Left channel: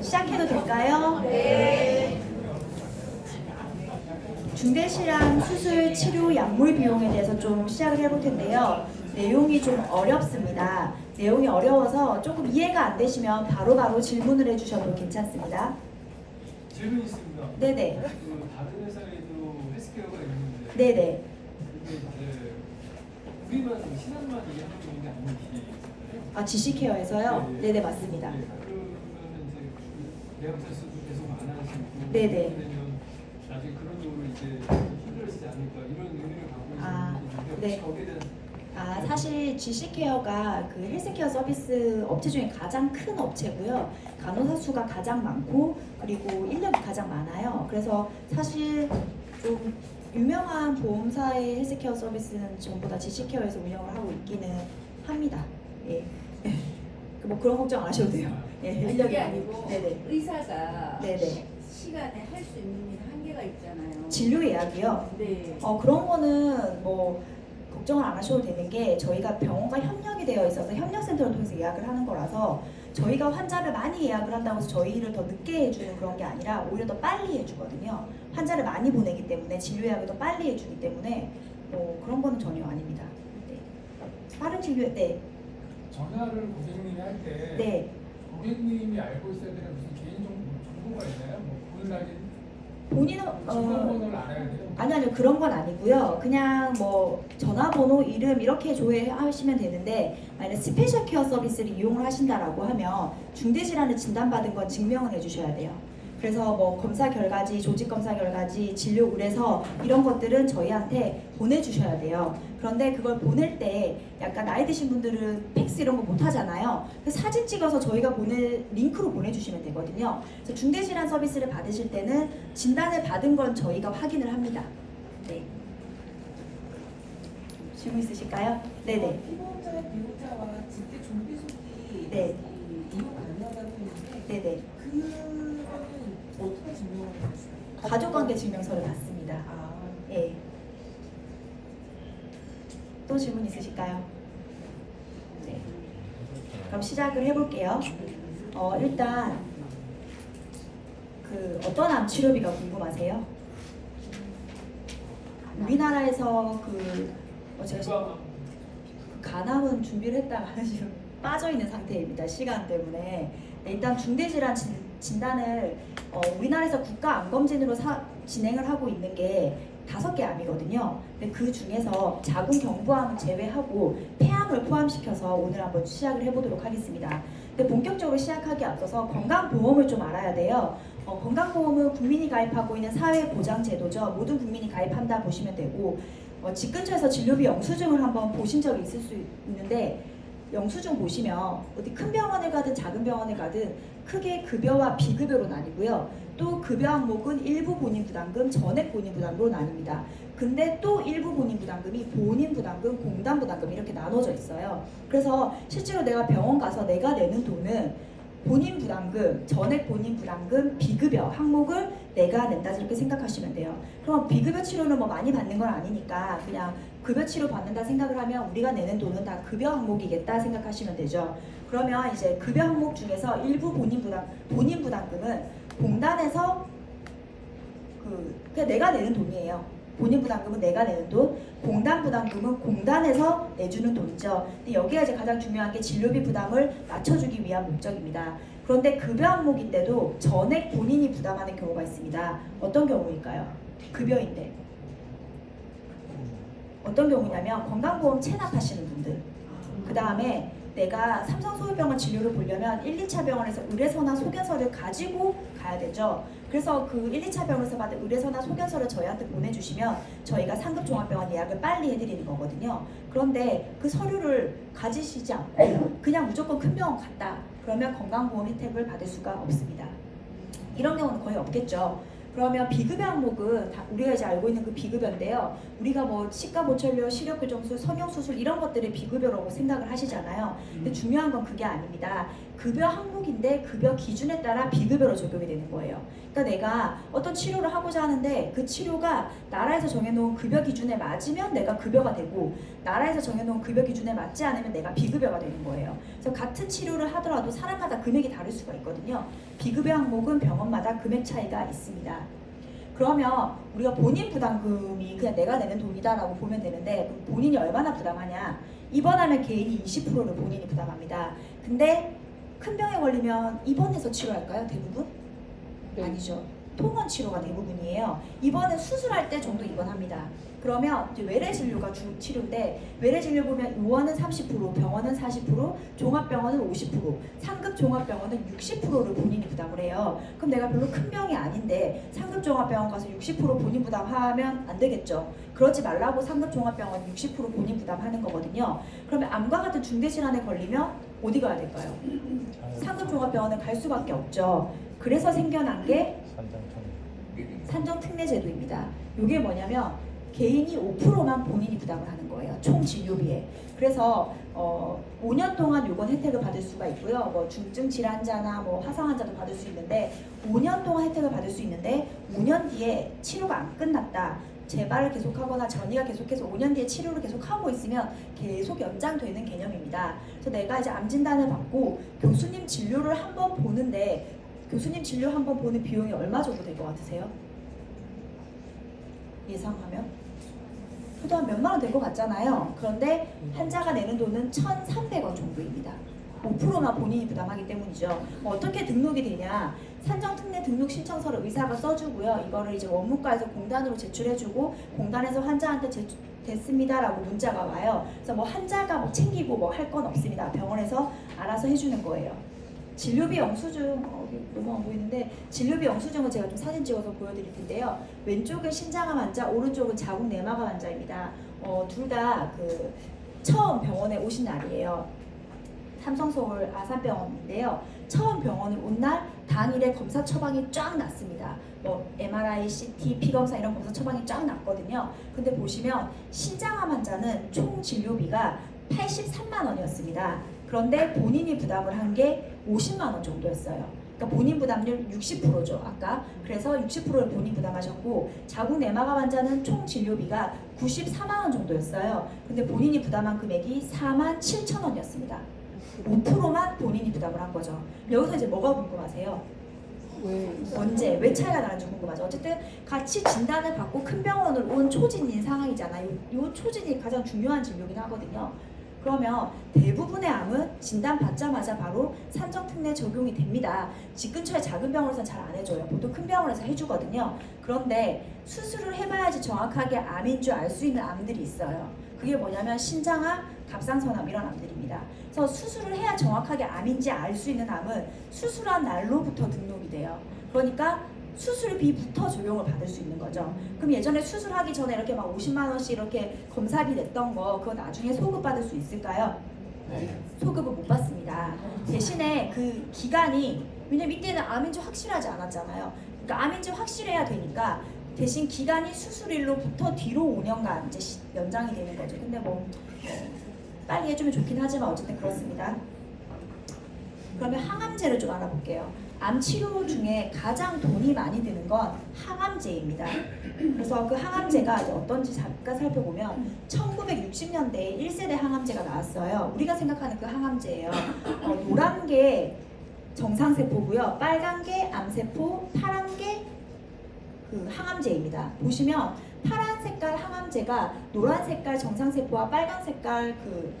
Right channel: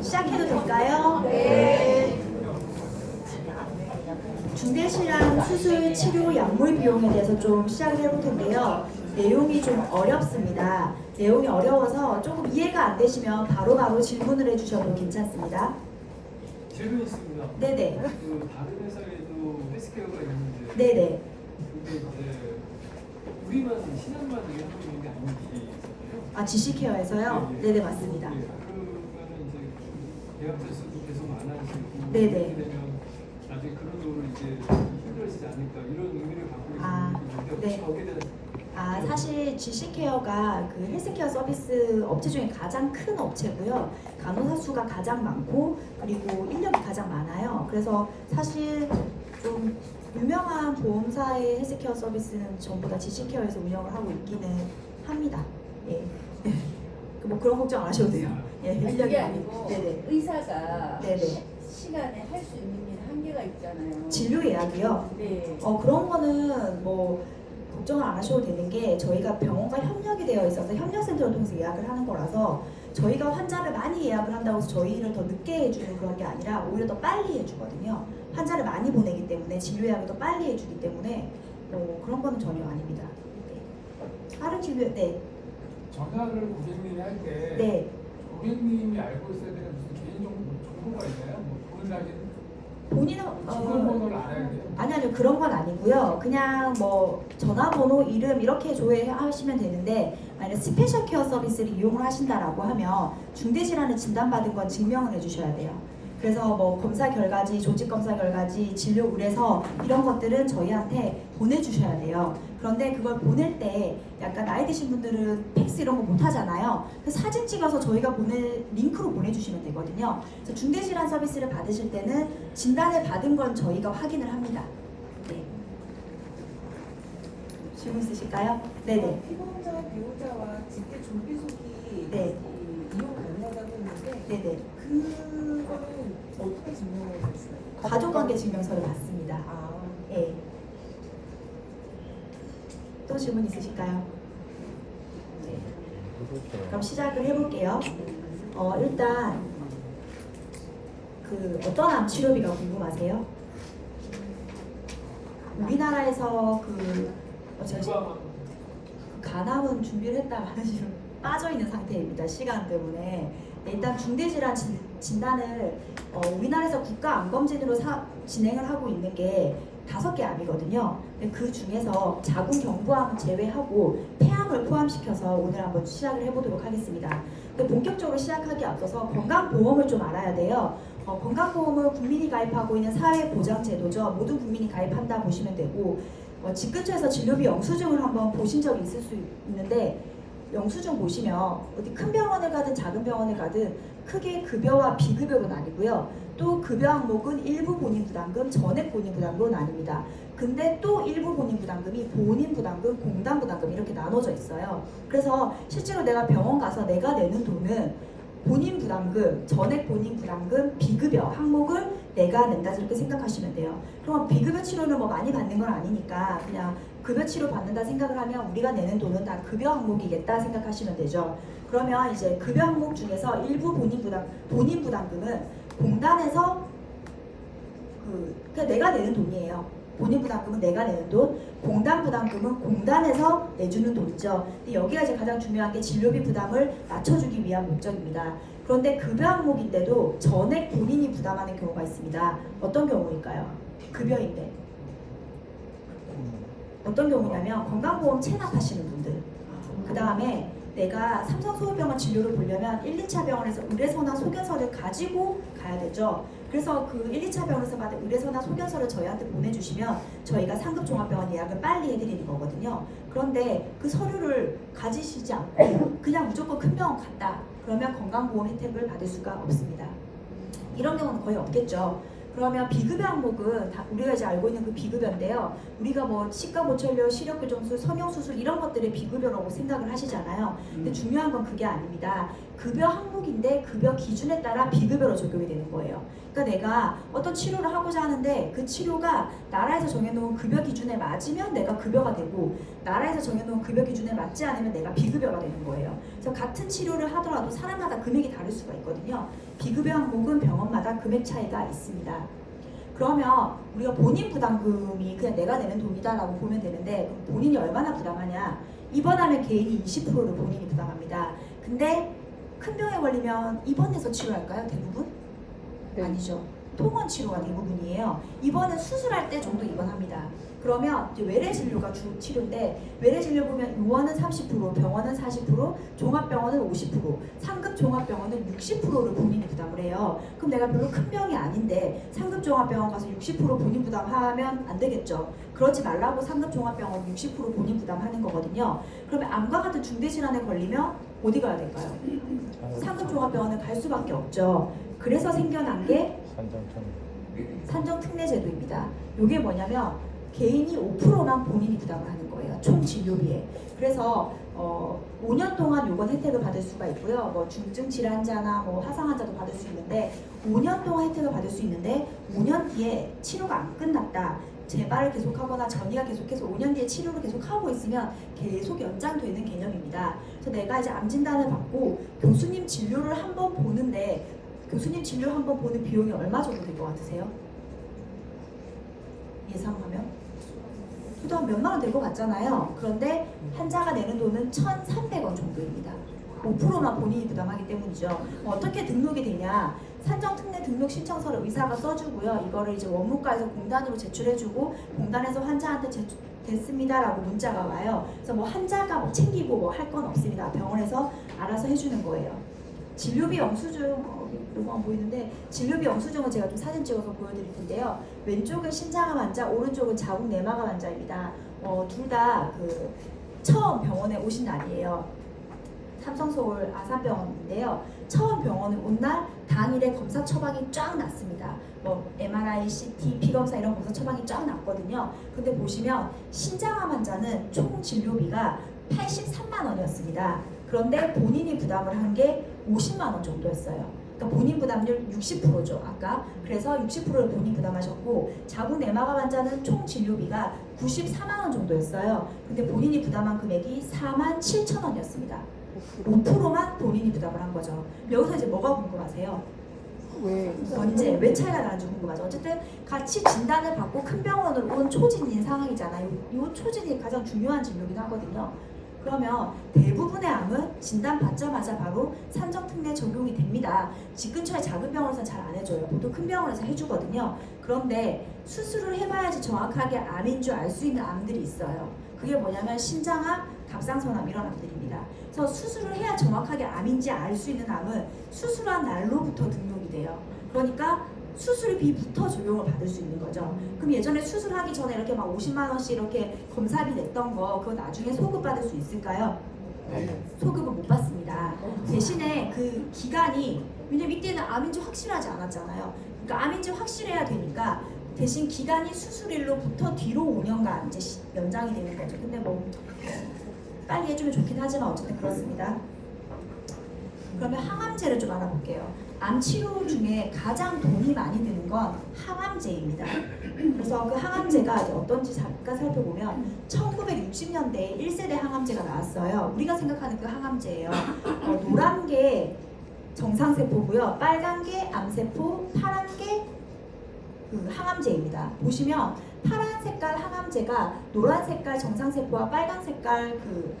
시작해도 될까요? 네. 중대실환 수술 치료 약물 비용에 대해서 좀 시작을 해볼 텐데요. 내용이 좀 어렵습니다. 내용이 어려워서 조금 이해가 안 되시면 바로바로 질문을 해주셔도 괜찮습니다. 질문 있습니다. 네네. 그 다른 회사에도 헬스케어가 있는데 네네. 그게 이제 우리만 신한만 이게 하고 있는 게 아닌지. 아, GC케어에서요? 네, 네. 네네, 맞습니다. 네, 그러면 이제 계약자 수도 계속 많아지고 네네. 그렇게 되면 나중에 그런 거를 이제 힘들어지지 않을까 이런 의미를 갖고 있는데 혹시 네. 거기에 대한 사실 GC케어가 그 헬스케어 서비스 업체 중에 가장 큰 업체고요. 간호사 수가 가장 많고 그리고 인력이 가장 많아요. 그래서 사실 좀 유명한 보험사의 헬스케어 서비스는 전부 다 GC케어에서 운영을 하고 있기는 합니다. 예. 뭐 그런 걱정 안 하셔도 돼요. 예, 그게 아니고 네네. 의사가 네네. 시간에 할 수 있는 한계가 있잖아요. 진료 예약이요? 네. 그런 거는 뭐 걱정을 안 하셔도 되는 게 저희가 병원과 협력이 되어 있어서 협력센터를 통해서 예약을 하는 거라서 저희가 환자를 많이 예약을 한다고 해서 저희를 더 늦게 해주는 그런 게 아니라 오히려 더 빨리 해주거든요. 환자를 많이 보내기 때문에 진료 예약을 더 빨리 해주기 때문에 뭐 그런 거는 전혀 아닙니다. 네. 빠른 진료, 네. 전화를 고객님이 할 때 네. 고객님이 알고 있어야 되는 무슨 개인 정보가 있나요? 뭐 본인이 본인은 전화번호를 알아야 돼요. 아니요 그런 건 아니고요. 그냥 뭐 전화번호, 이름 이렇게 조회하시면 되는데 만약 스페셜 케어 서비스를 이용을 하신다라고 하면 중대질환을 진단받은 건 증명을 해주셔야 돼요. 그래서 뭐 검사 결과지, 조직 검사 결과지, 진료 의뢰서 이런 것들은 저희한테 보내주셔야 돼요. 그런데 그걸 보낼 때 약간 나이 드신 분들은 팩스 이런 거 못 하잖아요. 그 사진 찍어서 저희가 링크로 보내주시면 되거든요. 그래서 중대질환 서비스를 받으실 때는 진단을 받은 건 저희가 확인을 합니다. 네. 질문 있으실까요? 네네. 피보험사의 비보자와 직계 존비속이 네. 이용 가능하다고 했는데 네네. 그거는 어떻게 증명을 해주세요? 가족관계 증명서를 받습니다. 아, 예. 또 질문 있으실까요? 네. 그럼 시작을 해볼게요. 일단 그 어떤 암 치료비가 궁금하세요? 우리나라에서 제가 간암은 준비를 했다가 지금 빠져 있는 상태입니다. 시간 때문에. 일단 중대질환 진단을 우리나라에서 국가암검진으로 진행을 하고 있는 게 5개 암이거든요. 근데 그 중에서 자궁경부암은 제외하고 폐암을 포함시켜서 오늘 한번 시작을 해보도록 하겠습니다. 근데 본격적으로 시작하기 앞서서 건강보험을 좀 알아야 돼요. 건강보험은 국민이 가입하고 있는 사회보장제도죠. 모든 국민이 가입한다 보시면 되고 집 근처에서 진료비 영수증을 한번 보신 적이 있을 수 있는데 영수증 보시면 어디 큰 병원을 가든 작은 병원을 가든 크게 급여와 비급여로 나뉘고요. 또 급여 항목은 일부 본인 부담금, 전액 본인 부담금으로 나뉩니다. 근데 또 일부 본인 부담금이 본인 부담금, 공단 부담금 이렇게 나눠져 있어요. 그래서 실제로 내가 병원 가서 내가 내는 돈은 본인 부담금, 전액 본인 부담금, 비급여 항목을 내가 낸다 이렇게 생각하시면 돼요. 그럼 비급여 치료는 뭐 많이 받는 건 아니니까 그냥 급여 치료 받는다 생각을 하면 우리가 내는 돈은 다 급여 항목이겠다 생각하시면 되죠. 그러면 이제 급여 항목 중에서 일부 본인 부담금은 공단에서 그냥 내가 내는 돈이에요. 본인 부담금은 내가 내는 돈, 공단 부담금은 공단에서 내주는 돈이죠. 근데 여기가 이제 가장 중요한 게 진료비 부담을 낮춰주기 위한 목적입니다. 그런데 급여 항목인데도 전액 본인이 부담하는 경우가 있습니다. 어떤 경우일까요? 급여인데. 어떤 경우냐면 건강보험 체납하시는 분들, 그 다음에 내가 삼성소유병원 진료를 보려면 1, 2차 병원에서 의뢰서나 소견서를 가지고 가야 되죠. 그래서 그 1, 2차 병원에서 받은 의뢰서나 소견서를 저희한테 보내주시면 저희가 상급종합병원 예약을 빨리 해드리는 거거든요. 그런데 그 서류를 가지시지 않고 그냥 무조건 큰 병원 갔다 그러면 건강보험 혜택을 받을 수가 없습니다. 이런 경우는 거의 없겠죠. 그러면 비급여 항목은 우리가 이제 알고 있는 그 비급여인데요. 우리가 뭐 치과 보철료, 시력교정술, 성형수술 이런 것들의 비급여라고 생각을 하시잖아요. 근데 중요한 건 그게 아닙니다. 급여 항목인데 급여 기준에 따라 비급여로 적용이 되는 거예요. 그러니까 내가 어떤 치료를 하고자 하는데 그 치료가 나라에서 정해놓은 급여 기준에 맞으면 내가 급여가 되고 나라에서 정해놓은 급여 기준에 맞지 않으면 내가 비급여가 되는 거예요. 그래서 같은 치료를 하더라도 사람마다 금액이 다를 수가 있거든요. 비급여 항목은 병원마다 금액 차이가 있습니다. 그러면 우리가 본인 부담금이 그냥 내가 내는 돈이다라고 보면 되는데 그럼 본인이 얼마나 부담하냐? 입원하면 개인이 20%를 본인이 부담합니다. 근데 큰 병에 걸리면 입원해서 치료할까요? 대부분? 아니죠. 통원 치료가 대부분이에요. 입원은 수술할 때 정도 입원합니다. 그러면 이제 외래 진료가 주 치료인데 외래 진료 보면 요원은 30%, 병원은 40%, 종합병원은 50%, 상급 종합병원은 60%를 본인이 부담을 해요. 그럼 내가 별로 큰 병이 아닌데 상급 종합병원 가서 60% 본인 부담하면 안 되겠죠. 그러지 말라고 상급 종합병원 60% 본인 부담하는 거거든요. 그러면 암과 같은 중대 질환에 걸리면 어디 가야 될까요? 상급 종합병원에 갈 수밖에 없죠. 그래서 생겨난 게 산정특례제도입니다. 이게 뭐냐면 개인이 5%만 본인이 부담을 하는 거예요. 총 진료비에. 그래서 5년 동안 요건 혜택을 받을 수가 있고요. 뭐 중증 질환자나 뭐 화상 환자도 받을 수 있는데 5년 동안 혜택을 받을 수 있는데 5년 뒤에 치료가 안 끝났다. 재발을 계속하거나 전이가 계속해서 5년 뒤에 치료를 계속하고 있으면 계속 연장되는 개념입니다. 그래서 내가 이제 암 진단을 받고 교수님 진료를 한번 보는데 교수님 진료 한번 보는 비용이 얼마 정도 될 것 같으세요? 예상하면? 그래도 한 몇만 원 될 것 같잖아요. 그런데 환자가 내는 돈은 1,300원 정도입니다. 5%만 본인이 부담하기 때문이죠. 어떻게 등록이 되냐? 산정특례 등록 신청서를 의사가 써주고요. 이거를 이제 원무과에서 공단으로 제출해주고 공단에서 환자한테 됐습니다라고 문자가 와요. 그래서 뭐 환자가 뭐 챙기고 뭐 할 건 없습니다. 병원에서 알아서 해주는 거예요. 진료비 영수증 너무 안 보이는데 진료비 영수증은 제가 좀 사진 찍어서 보여드릴 텐데요. 왼쪽은 신장암 환자, 오른쪽은 자궁 내막암 환자입니다. 둘 다 그 처음 병원에 오신 날이에요. 삼성서울 아산병원인데요. 처음 병원을 온 날 당일에 검사 처방이 쫙 났습니다. 뭐 MRI, CT, 피검사 이런 검사 처방이 쫙 났거든요. 근데 보시면 신장암 환자는 총 진료비가 83만 원이었습니다. 그런데 본인이 부담을 한 게 50만 원 정도였어요. 그러니까 본인 부담률 60%죠. 아까. 그래서 60%를 본인 부담하셨고 자궁 내막암 환자는 총 진료비가 94만 원 정도였어요. 근데 본인이 부담한 금액이 4만 7천 원이었습니다. 5%만 본인이 부담을 한 거죠. 여기서 이제 뭐가 궁금하세요? 언제, 왜 차이가 나는지 궁금하죠. 어쨌든 같이 진단을 받고 큰 병원으로 온 초진인 상황이잖아요. 이 초진이 가장 중요한 진료긴 하거든요. 그러면 대부분의 암은 진단 받자마자 바로 산정특례 적용이 됩니다. 집 근처에 작은 병원에서는 잘 안 해줘요. 보통 큰 병원에서 해주거든요. 그런데 수술을 해봐야지 정확하게 암인 줄 알 수 있는 암들이 있어요. 그게 뭐냐면 신장암, 갑상선암 이런 암들입니다. 그래서 수술을 해야 정확하게 암인지 알 수 있는 암은 수술한 날로부터 등록이 돼요. 그러니까 수술비부터 적용을 받을 수 있는 거죠. 그럼 예전에 수술하기 전에 이렇게 막 50만 원씩 이렇게 검사비 냈던 거 그거 나중에 소급 받을 수 있을까요? 소급은 못 받습니다. 대신에 그 기간이 왜냐면 이때는 암인지 확실하지 않았잖아요. 그러니까 암인지 확실해야 되니까 대신 기간이 수술일로부터 뒤로 5년간 이제 연장이 되는 거죠. 근데 뭐 빨리 해주면 좋긴 하지만 어쨌든 그렇습니다. 그러면 항암제를 좀 알아볼게요. 암 치료 중에 가장 돈이 많이 드는 건 항암제입니다. 그래서 그 항암제가 어떤지 잠깐 살펴보면 1960년대에 1세대 항암제가 나왔어요. 우리가 생각하는 그 항암제예요. 노란 게 정상세포고요. 빨간 게 암세포, 파란 게 그 항암제입니다. 보시면 파란 색깔 항암제가 노란 색깔 정상세포와 빨간 색깔 그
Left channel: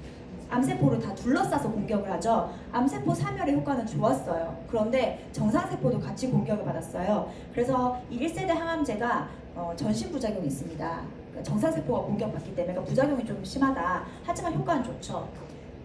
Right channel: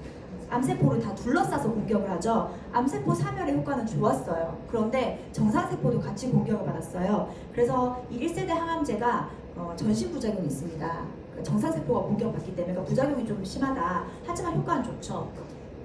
암세포를 다 둘러싸서 공격을 하죠. 암세포 사멸의 효과는 좋았어요. 그런데 정상세포도 같이 공격을 받았어요. 그래서 이 1세대 항암제가 전신부작용이 있습니다. 정상세포가 공격받기 때문에 그러니까 부작용이 좀 심하다. 하지만 효과는 좋죠.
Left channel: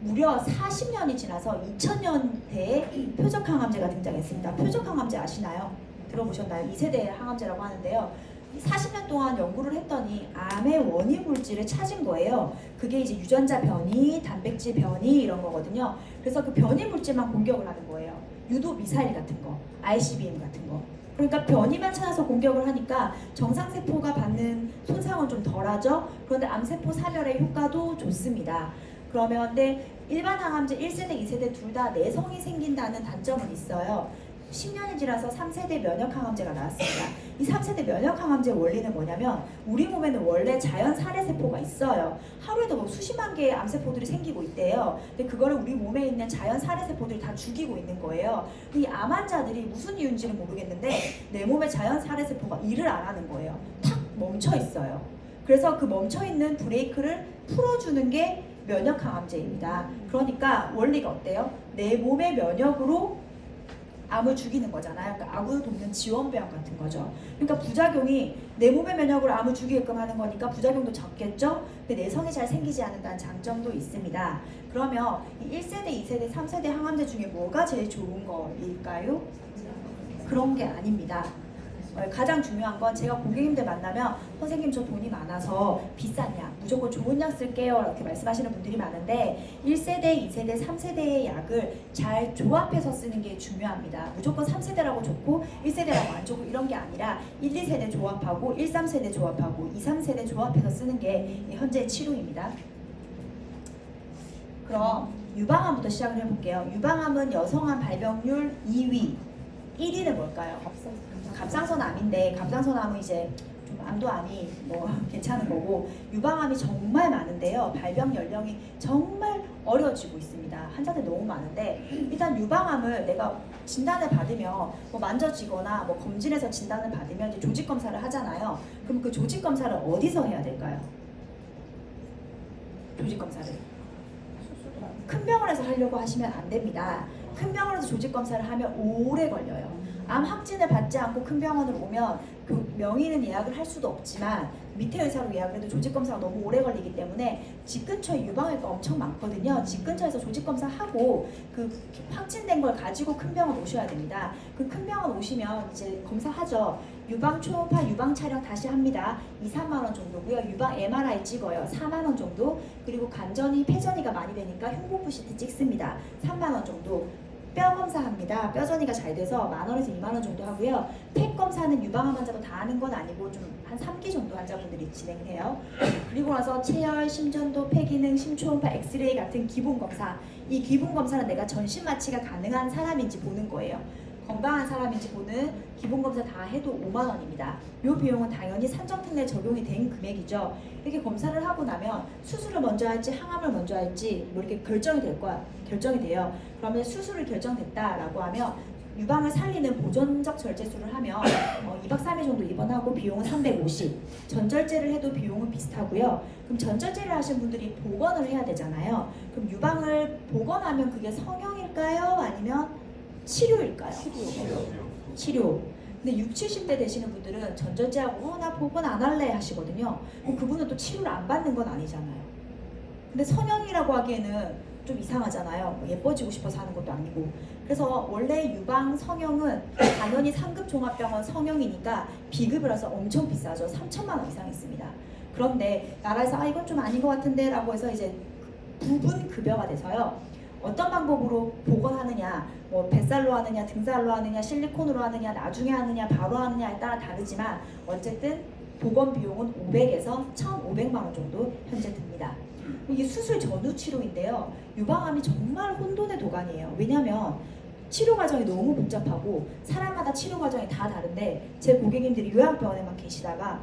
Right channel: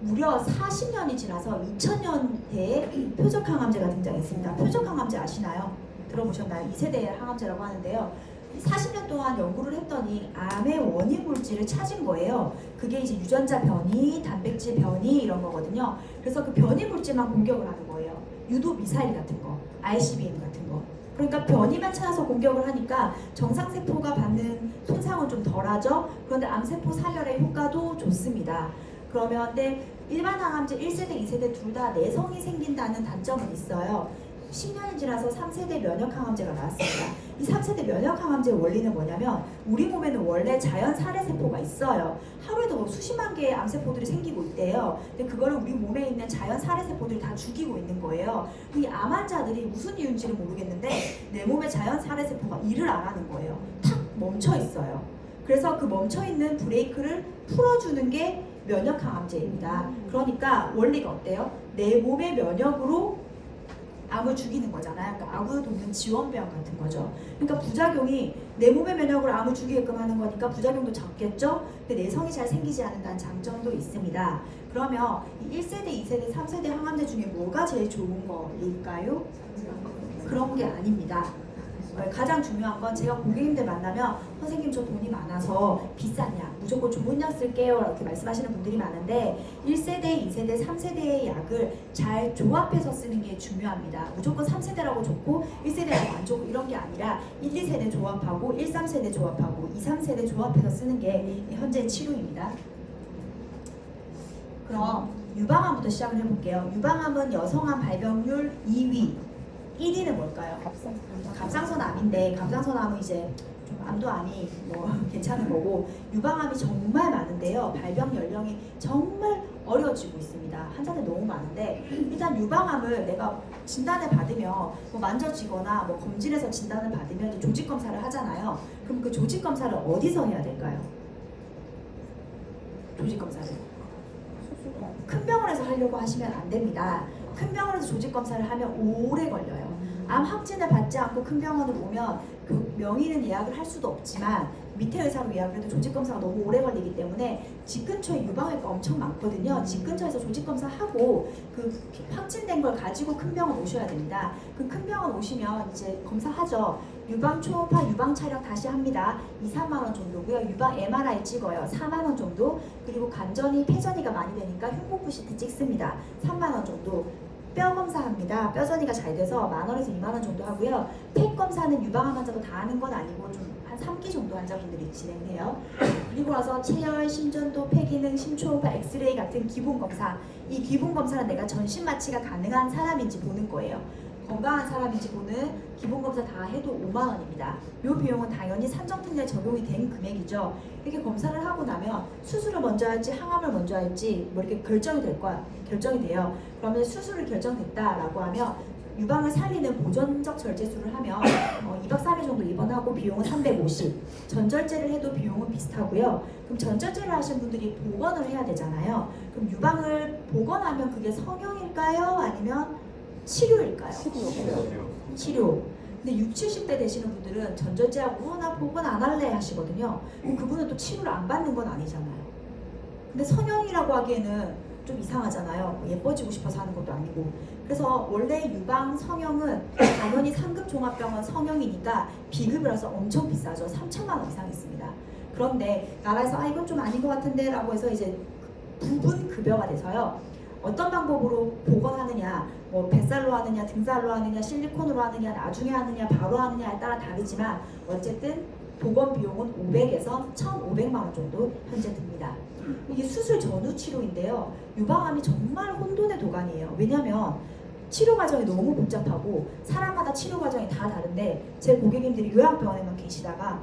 무려 40년이 지나서 2000년대에 표적항암제가 등장했습니다. 표적항암제 아시나요? 들어보셨나요? 2세대 항암제라고 하는데요. 40년 동안 연구를 했더니 암의 원인 물질을 찾은 거예요. 그게 이제 유전자 변이, 단백질 변이 이런 거거든요. 그래서 그 변이 물질만 공격을 하는 거예요. 유도 미사일 같은 거, ICBM 같은 거. 그러니까 변이만 찾아서 공격을 하니까 정상세포가 받는 손상은 좀 덜하죠. 그런데 암세포 사멸의 효과도 좋습니다. 그러면 근데 일반 항암제 1세대, 2세대 둘 다 내성이 생긴다는 단점은 있어요. 10년이 지나서 3세대 면역 항암제가 나왔습니다. 이 3세대 면역 항암제의 원리는 뭐냐면 우리 몸에는 원래 자연 살해 세포가 있어요. 하루에도 뭐 수십만 개의 암세포들이 생기고 있대요. 근데 그거를 우리 몸에 있는 자연 살해 세포들이 다 죽이고 있는 거예요. 이 암 환자들이 무슨 이유인지는 모르겠는데 내 몸에 자연 살해 세포가 일을 안 하는 거예요. 탁 멈춰 있어요. 그래서 그 멈춰 있는 브레이크를 풀어주는 게 면역 항암제입니다. 그러니까 원리가 어때요? 내 몸의 면역으로 암을 죽이는 거잖아요. 그러니까 암을 돕는 지원병 같은 거죠. 그러니까 부작용이 내 몸의 면역으로 암을 죽이게끔 하는 거니까 부작용도 적겠죠. 근데 내성이 잘 생기지 않는다는 장점도 있습니다. 그러면 이 1세대, 2세대, 3세대 항암제 중에 뭐가 제일 좋은 거일까요? 그런 게 아닙니다. 가장 중요한 건 제가 고객님들 만나면 선생님 저 돈이 많아서 비싼 약 무조건 좋은 약 쓸게요 이렇게 말씀하시는 분들이 많은데 1세대, 2세대, 3세대의 약을 잘 조합해서 쓰는 게 중요합니다. 무조건 3세대라고 좋고 1세대라고 안 좋고 이런 게 아니라 1, 2세대 조합하고 1, 3세대 조합하고 2, 3세대 조합해서 쓰는 게 현재 치료입니다. 그럼 유방암부터 시작을 해볼게요. 유방암은 여성암 발병률 2위, 1위는 뭘까요? 갑상선암인데 갑상선암은 이제 좀 암도 암이 뭐 괜찮은 거고 유방암이 정말 많은데요. 발병 연령이 정말 어려워지고 있습니다. 환자들 너무 많은데 일단 유방암을 내가 진단을 받으면 뭐 만져지거나 뭐 검진해서 진단을 받으면 이제 조직 검사를 하잖아요. 그럼 그 조직 검사를 어디서 해야 될까요? 조직 검사를 큰 병원에서 하려고 하시면 안 됩니다. 큰 병원에서 조직 검사를 하면 오래 걸려요. 암 확진을 받지 않고 큰 병원을 보면 그 명의는 예약을 할 수도 없지만 밑에 의사로 예약을 해도 조직 검사가 너무 오래 걸리기 때문에 집 근처에 유방외과 엄청 많거든요. 집 근처에서 조직 검사하고 그 확진된 걸 가지고 큰 병원 오셔야 됩니다. 그 큰 병원 오시면 이제 검사하죠. 유방 초음파 유방 촬영 다시 합니다. 2, 3만 원 정도고요. 유방 MRI 찍어요. 4만 원 정도. 그리고 간전이 폐전이가 많이 되니까 흉부부 CT 찍습니다. 3만 원 정도. 뼈 검사합니다. 뼈전이가 잘 돼서 10,000원에서 20,000원 정도 하고요. 폐 검사는 유방암 환자가 다 하는 건 아니고 좀 한 3기 정도 환자분들이 진행해요. 그리고 나서 체열, 심전도, 폐기능, 심초음파, 엑스레이 같은 기본 검사. 이 기본 검사는 내가 전신 마취가 가능한 사람인지 보는 거예요. 건강한 사람인지 보는 기본 검사 다 해도 5만 원입니다. 이 비용은 당연히 산정특 내 적용이 된 금액이죠. 이렇게 검사를 하고 나면 수술을 먼저 할지 항암을 먼저 할지 뭐 이렇게 결정이 돼요. 그러면 수술을 결정됐다라고 하면 유방을 살리는 보존적 절제술을 하면 2박 3일 정도 입원하고 비용은 350. 전절제를 해도 비용은 비슷하고요. 그럼 전절제를 하신 분들이 복원을 해야 되잖아요. 그럼 유방을 복원하면 그게 성형일까요? 아니면 치료일까요? 치료. 근데 60, 70대 되시는 분들은 전절제하고 나 복원 안 할래 하시거든요. 그럼 그분은 또 치료를 안 받는 건 아니잖아요. 근데 성형이라고 하기에는 좀 이상하잖아요. 뭐 예뻐지고 싶어서 하는 것도 아니고. 그래서 원래 유방 성형은 당연히 상급 종합병원 성형이니까 비급을 해서 엄청 비싸죠. 3천만 원 이상 있습니다. 그런데 나라에서 이건 좀 아닌 것 같은데 라고 해서 이제 부분 급여가 돼서요. 어떤 방법으로 복원하느냐, 뭐 뱃살로 하느냐, 등살로 하느냐, 실리콘으로 하느냐, 나중에 하느냐, 바로 하느냐에 따라 다르지만 어쨌든 복원 비용은 500에서 1,500만 원 정도 현재 듭니다. 이게 수술 전후 치료인데요. 유방암이 정말 혼돈의 도가니예요. 왜냐하면 치료 과정이 너무 복잡하고 사람마다 치료 과정이 다 다른데 제 고객님들이 요양병원에만 계시다가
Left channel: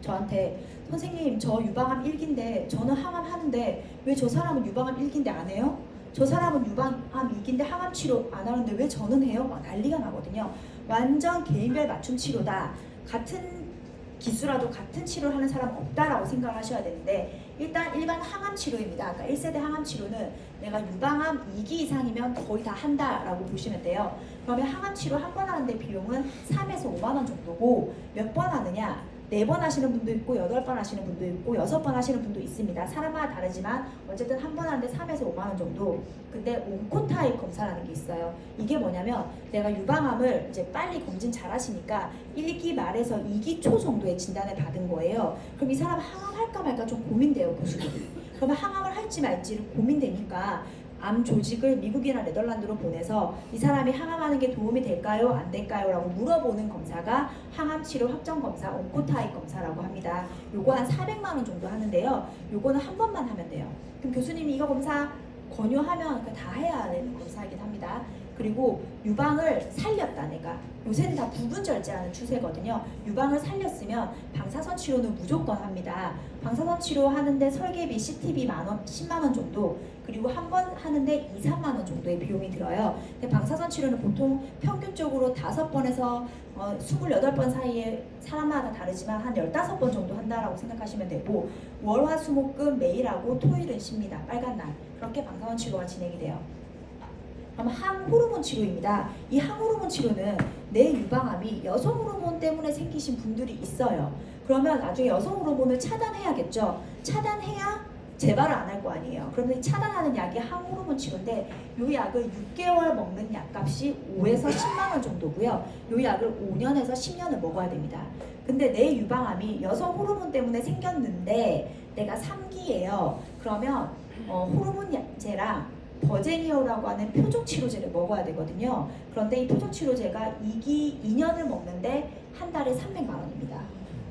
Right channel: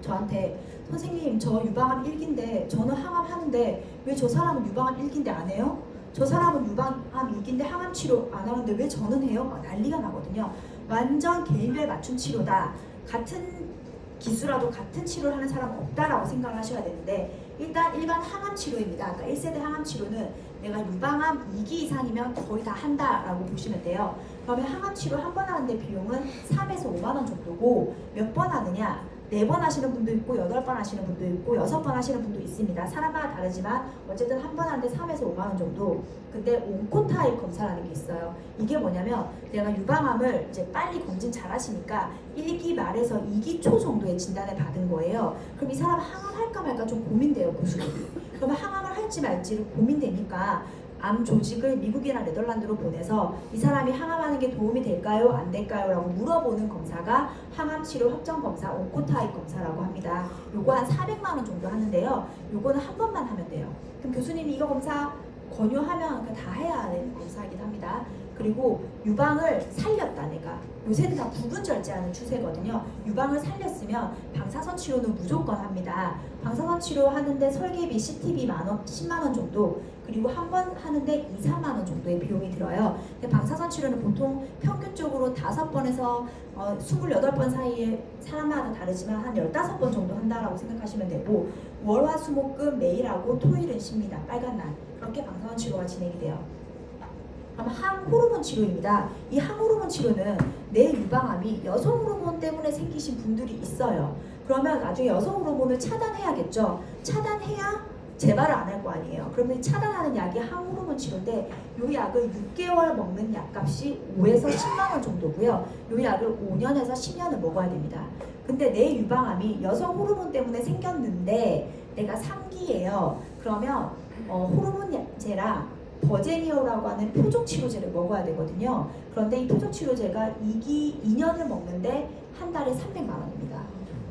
저한테 선생님 저 유방암 1기인데 저는 항암 하는데 왜 저 사람은 유방암 1기인데 안 해요? 저 사람은 유방암 2기인데 항암 치료 안 하는데 왜 저는 해요? 막 난리가 나거든요. 완전 개인별 맞춤 치료다. 같은 기수라도 같은 치료를 하는 사람은 없다라고 생각을 하셔야 되는데 일단 일반 항암 치료입니다. 그러니까 1세대 항암 치료는 내가 유방암 2기 이상이면 거의 다 한다라고 보시면 돼요. 그러면 항암 치료 한 번 하는데 비용은 3에서 5만 원 정도고 몇 번 하느냐? 4번 하시는 분도 있고 8번 하시는 분도 있고 6번 하시는 분도 있습니다. 사람마다 다르지만 어쨌든 한 번 하는데 3에서 5만 원 정도. 근데 온코타입 검사라는 게 있어요. 이게 뭐냐면 내가 유방암을 이제 빨리 검진 잘 하시니까 1기 말에서 2기 초 정도의 진단을 받은 거예요. 그럼 이 사람 항암할까 말까 좀 고민돼요. 고수들이. 그러면 항암을 할지 말지를 고민되니까 암 조직을 미국이나 네덜란드로 보내서 이 사람이 항암하는 게 도움이 될까요? 안 될까요? 라고 물어보는 검사가 항암치료 확정 검사, 온코타입 검사라고 합니다. 요거 한 400만 원 정도 하는데요. 요거는 한 번만 하면 돼요. 그럼 교수님이 이거 검사 권유하면 다 해야 되는 검사이긴 합니다. 그리고 유방을 살렸다 내가. 요새는 다 부분 절제하는 추세거든요. 유방을 살렸으면 방사선 치료는 무조건 합니다. 방사선 치료 하는데 설계비, CT비 10만 원 정도, 그리고 한 번 하는데 2, 3만 원 정도의 비용이 들어요. 근데 방사선 치료는 보통 평균적으로 5번에서 28번 사이에 사람마다 다르지만 한 15번 정도 한다라고 생각하시면 되고, 월화수목금 매일 하고 토일은 쉽니다. 빨간 날. 그렇게 방사선 치료가 진행이 돼요. 그럼 항호르몬 치료입니다. 이 항호르몬 치료는 내 유방암이 여성 호르몬 때문에 생기신 분들이 있어요. 그러면 나중에 여성 호르몬을 차단해야겠죠. 차단해야 재발을 안 할 거 아니에요. 그러면 차단하는 약이 항호르몬 치료인데 이 약을 6개월 먹는 약값이 5에서 10만 원 정도고요. 이 약을 5년에서 10년을 먹어야 됩니다. 근데 내 유방암이 여성 호르몬 때문에 생겼는데 내가 3기예요. 그러면 호르몬제랑 버제니어라고 하는 표적 치료제를 먹어야 되거든요. 그런데 이 표적 치료제가 2년을 먹는데 한 달에 300만 원입니다.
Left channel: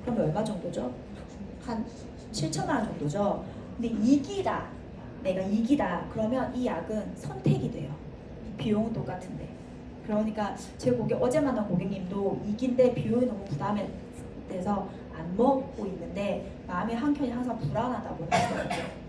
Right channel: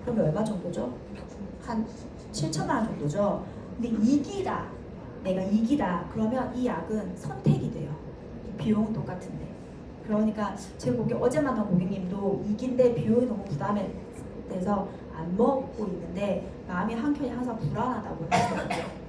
그러면 얼마 정도죠? 한 7천만 원 정도죠. 근데 2기다. 내가 2기다. 그러면 이 약은 선택이 돼요. 비용은 똑같은데. 그러니까 제 어제 만난 고객님도 2기인데 비용이 너무 부담이 돼서 안 먹고 있는데 마음이 한켠이 항상 불안하다고 하더라고요.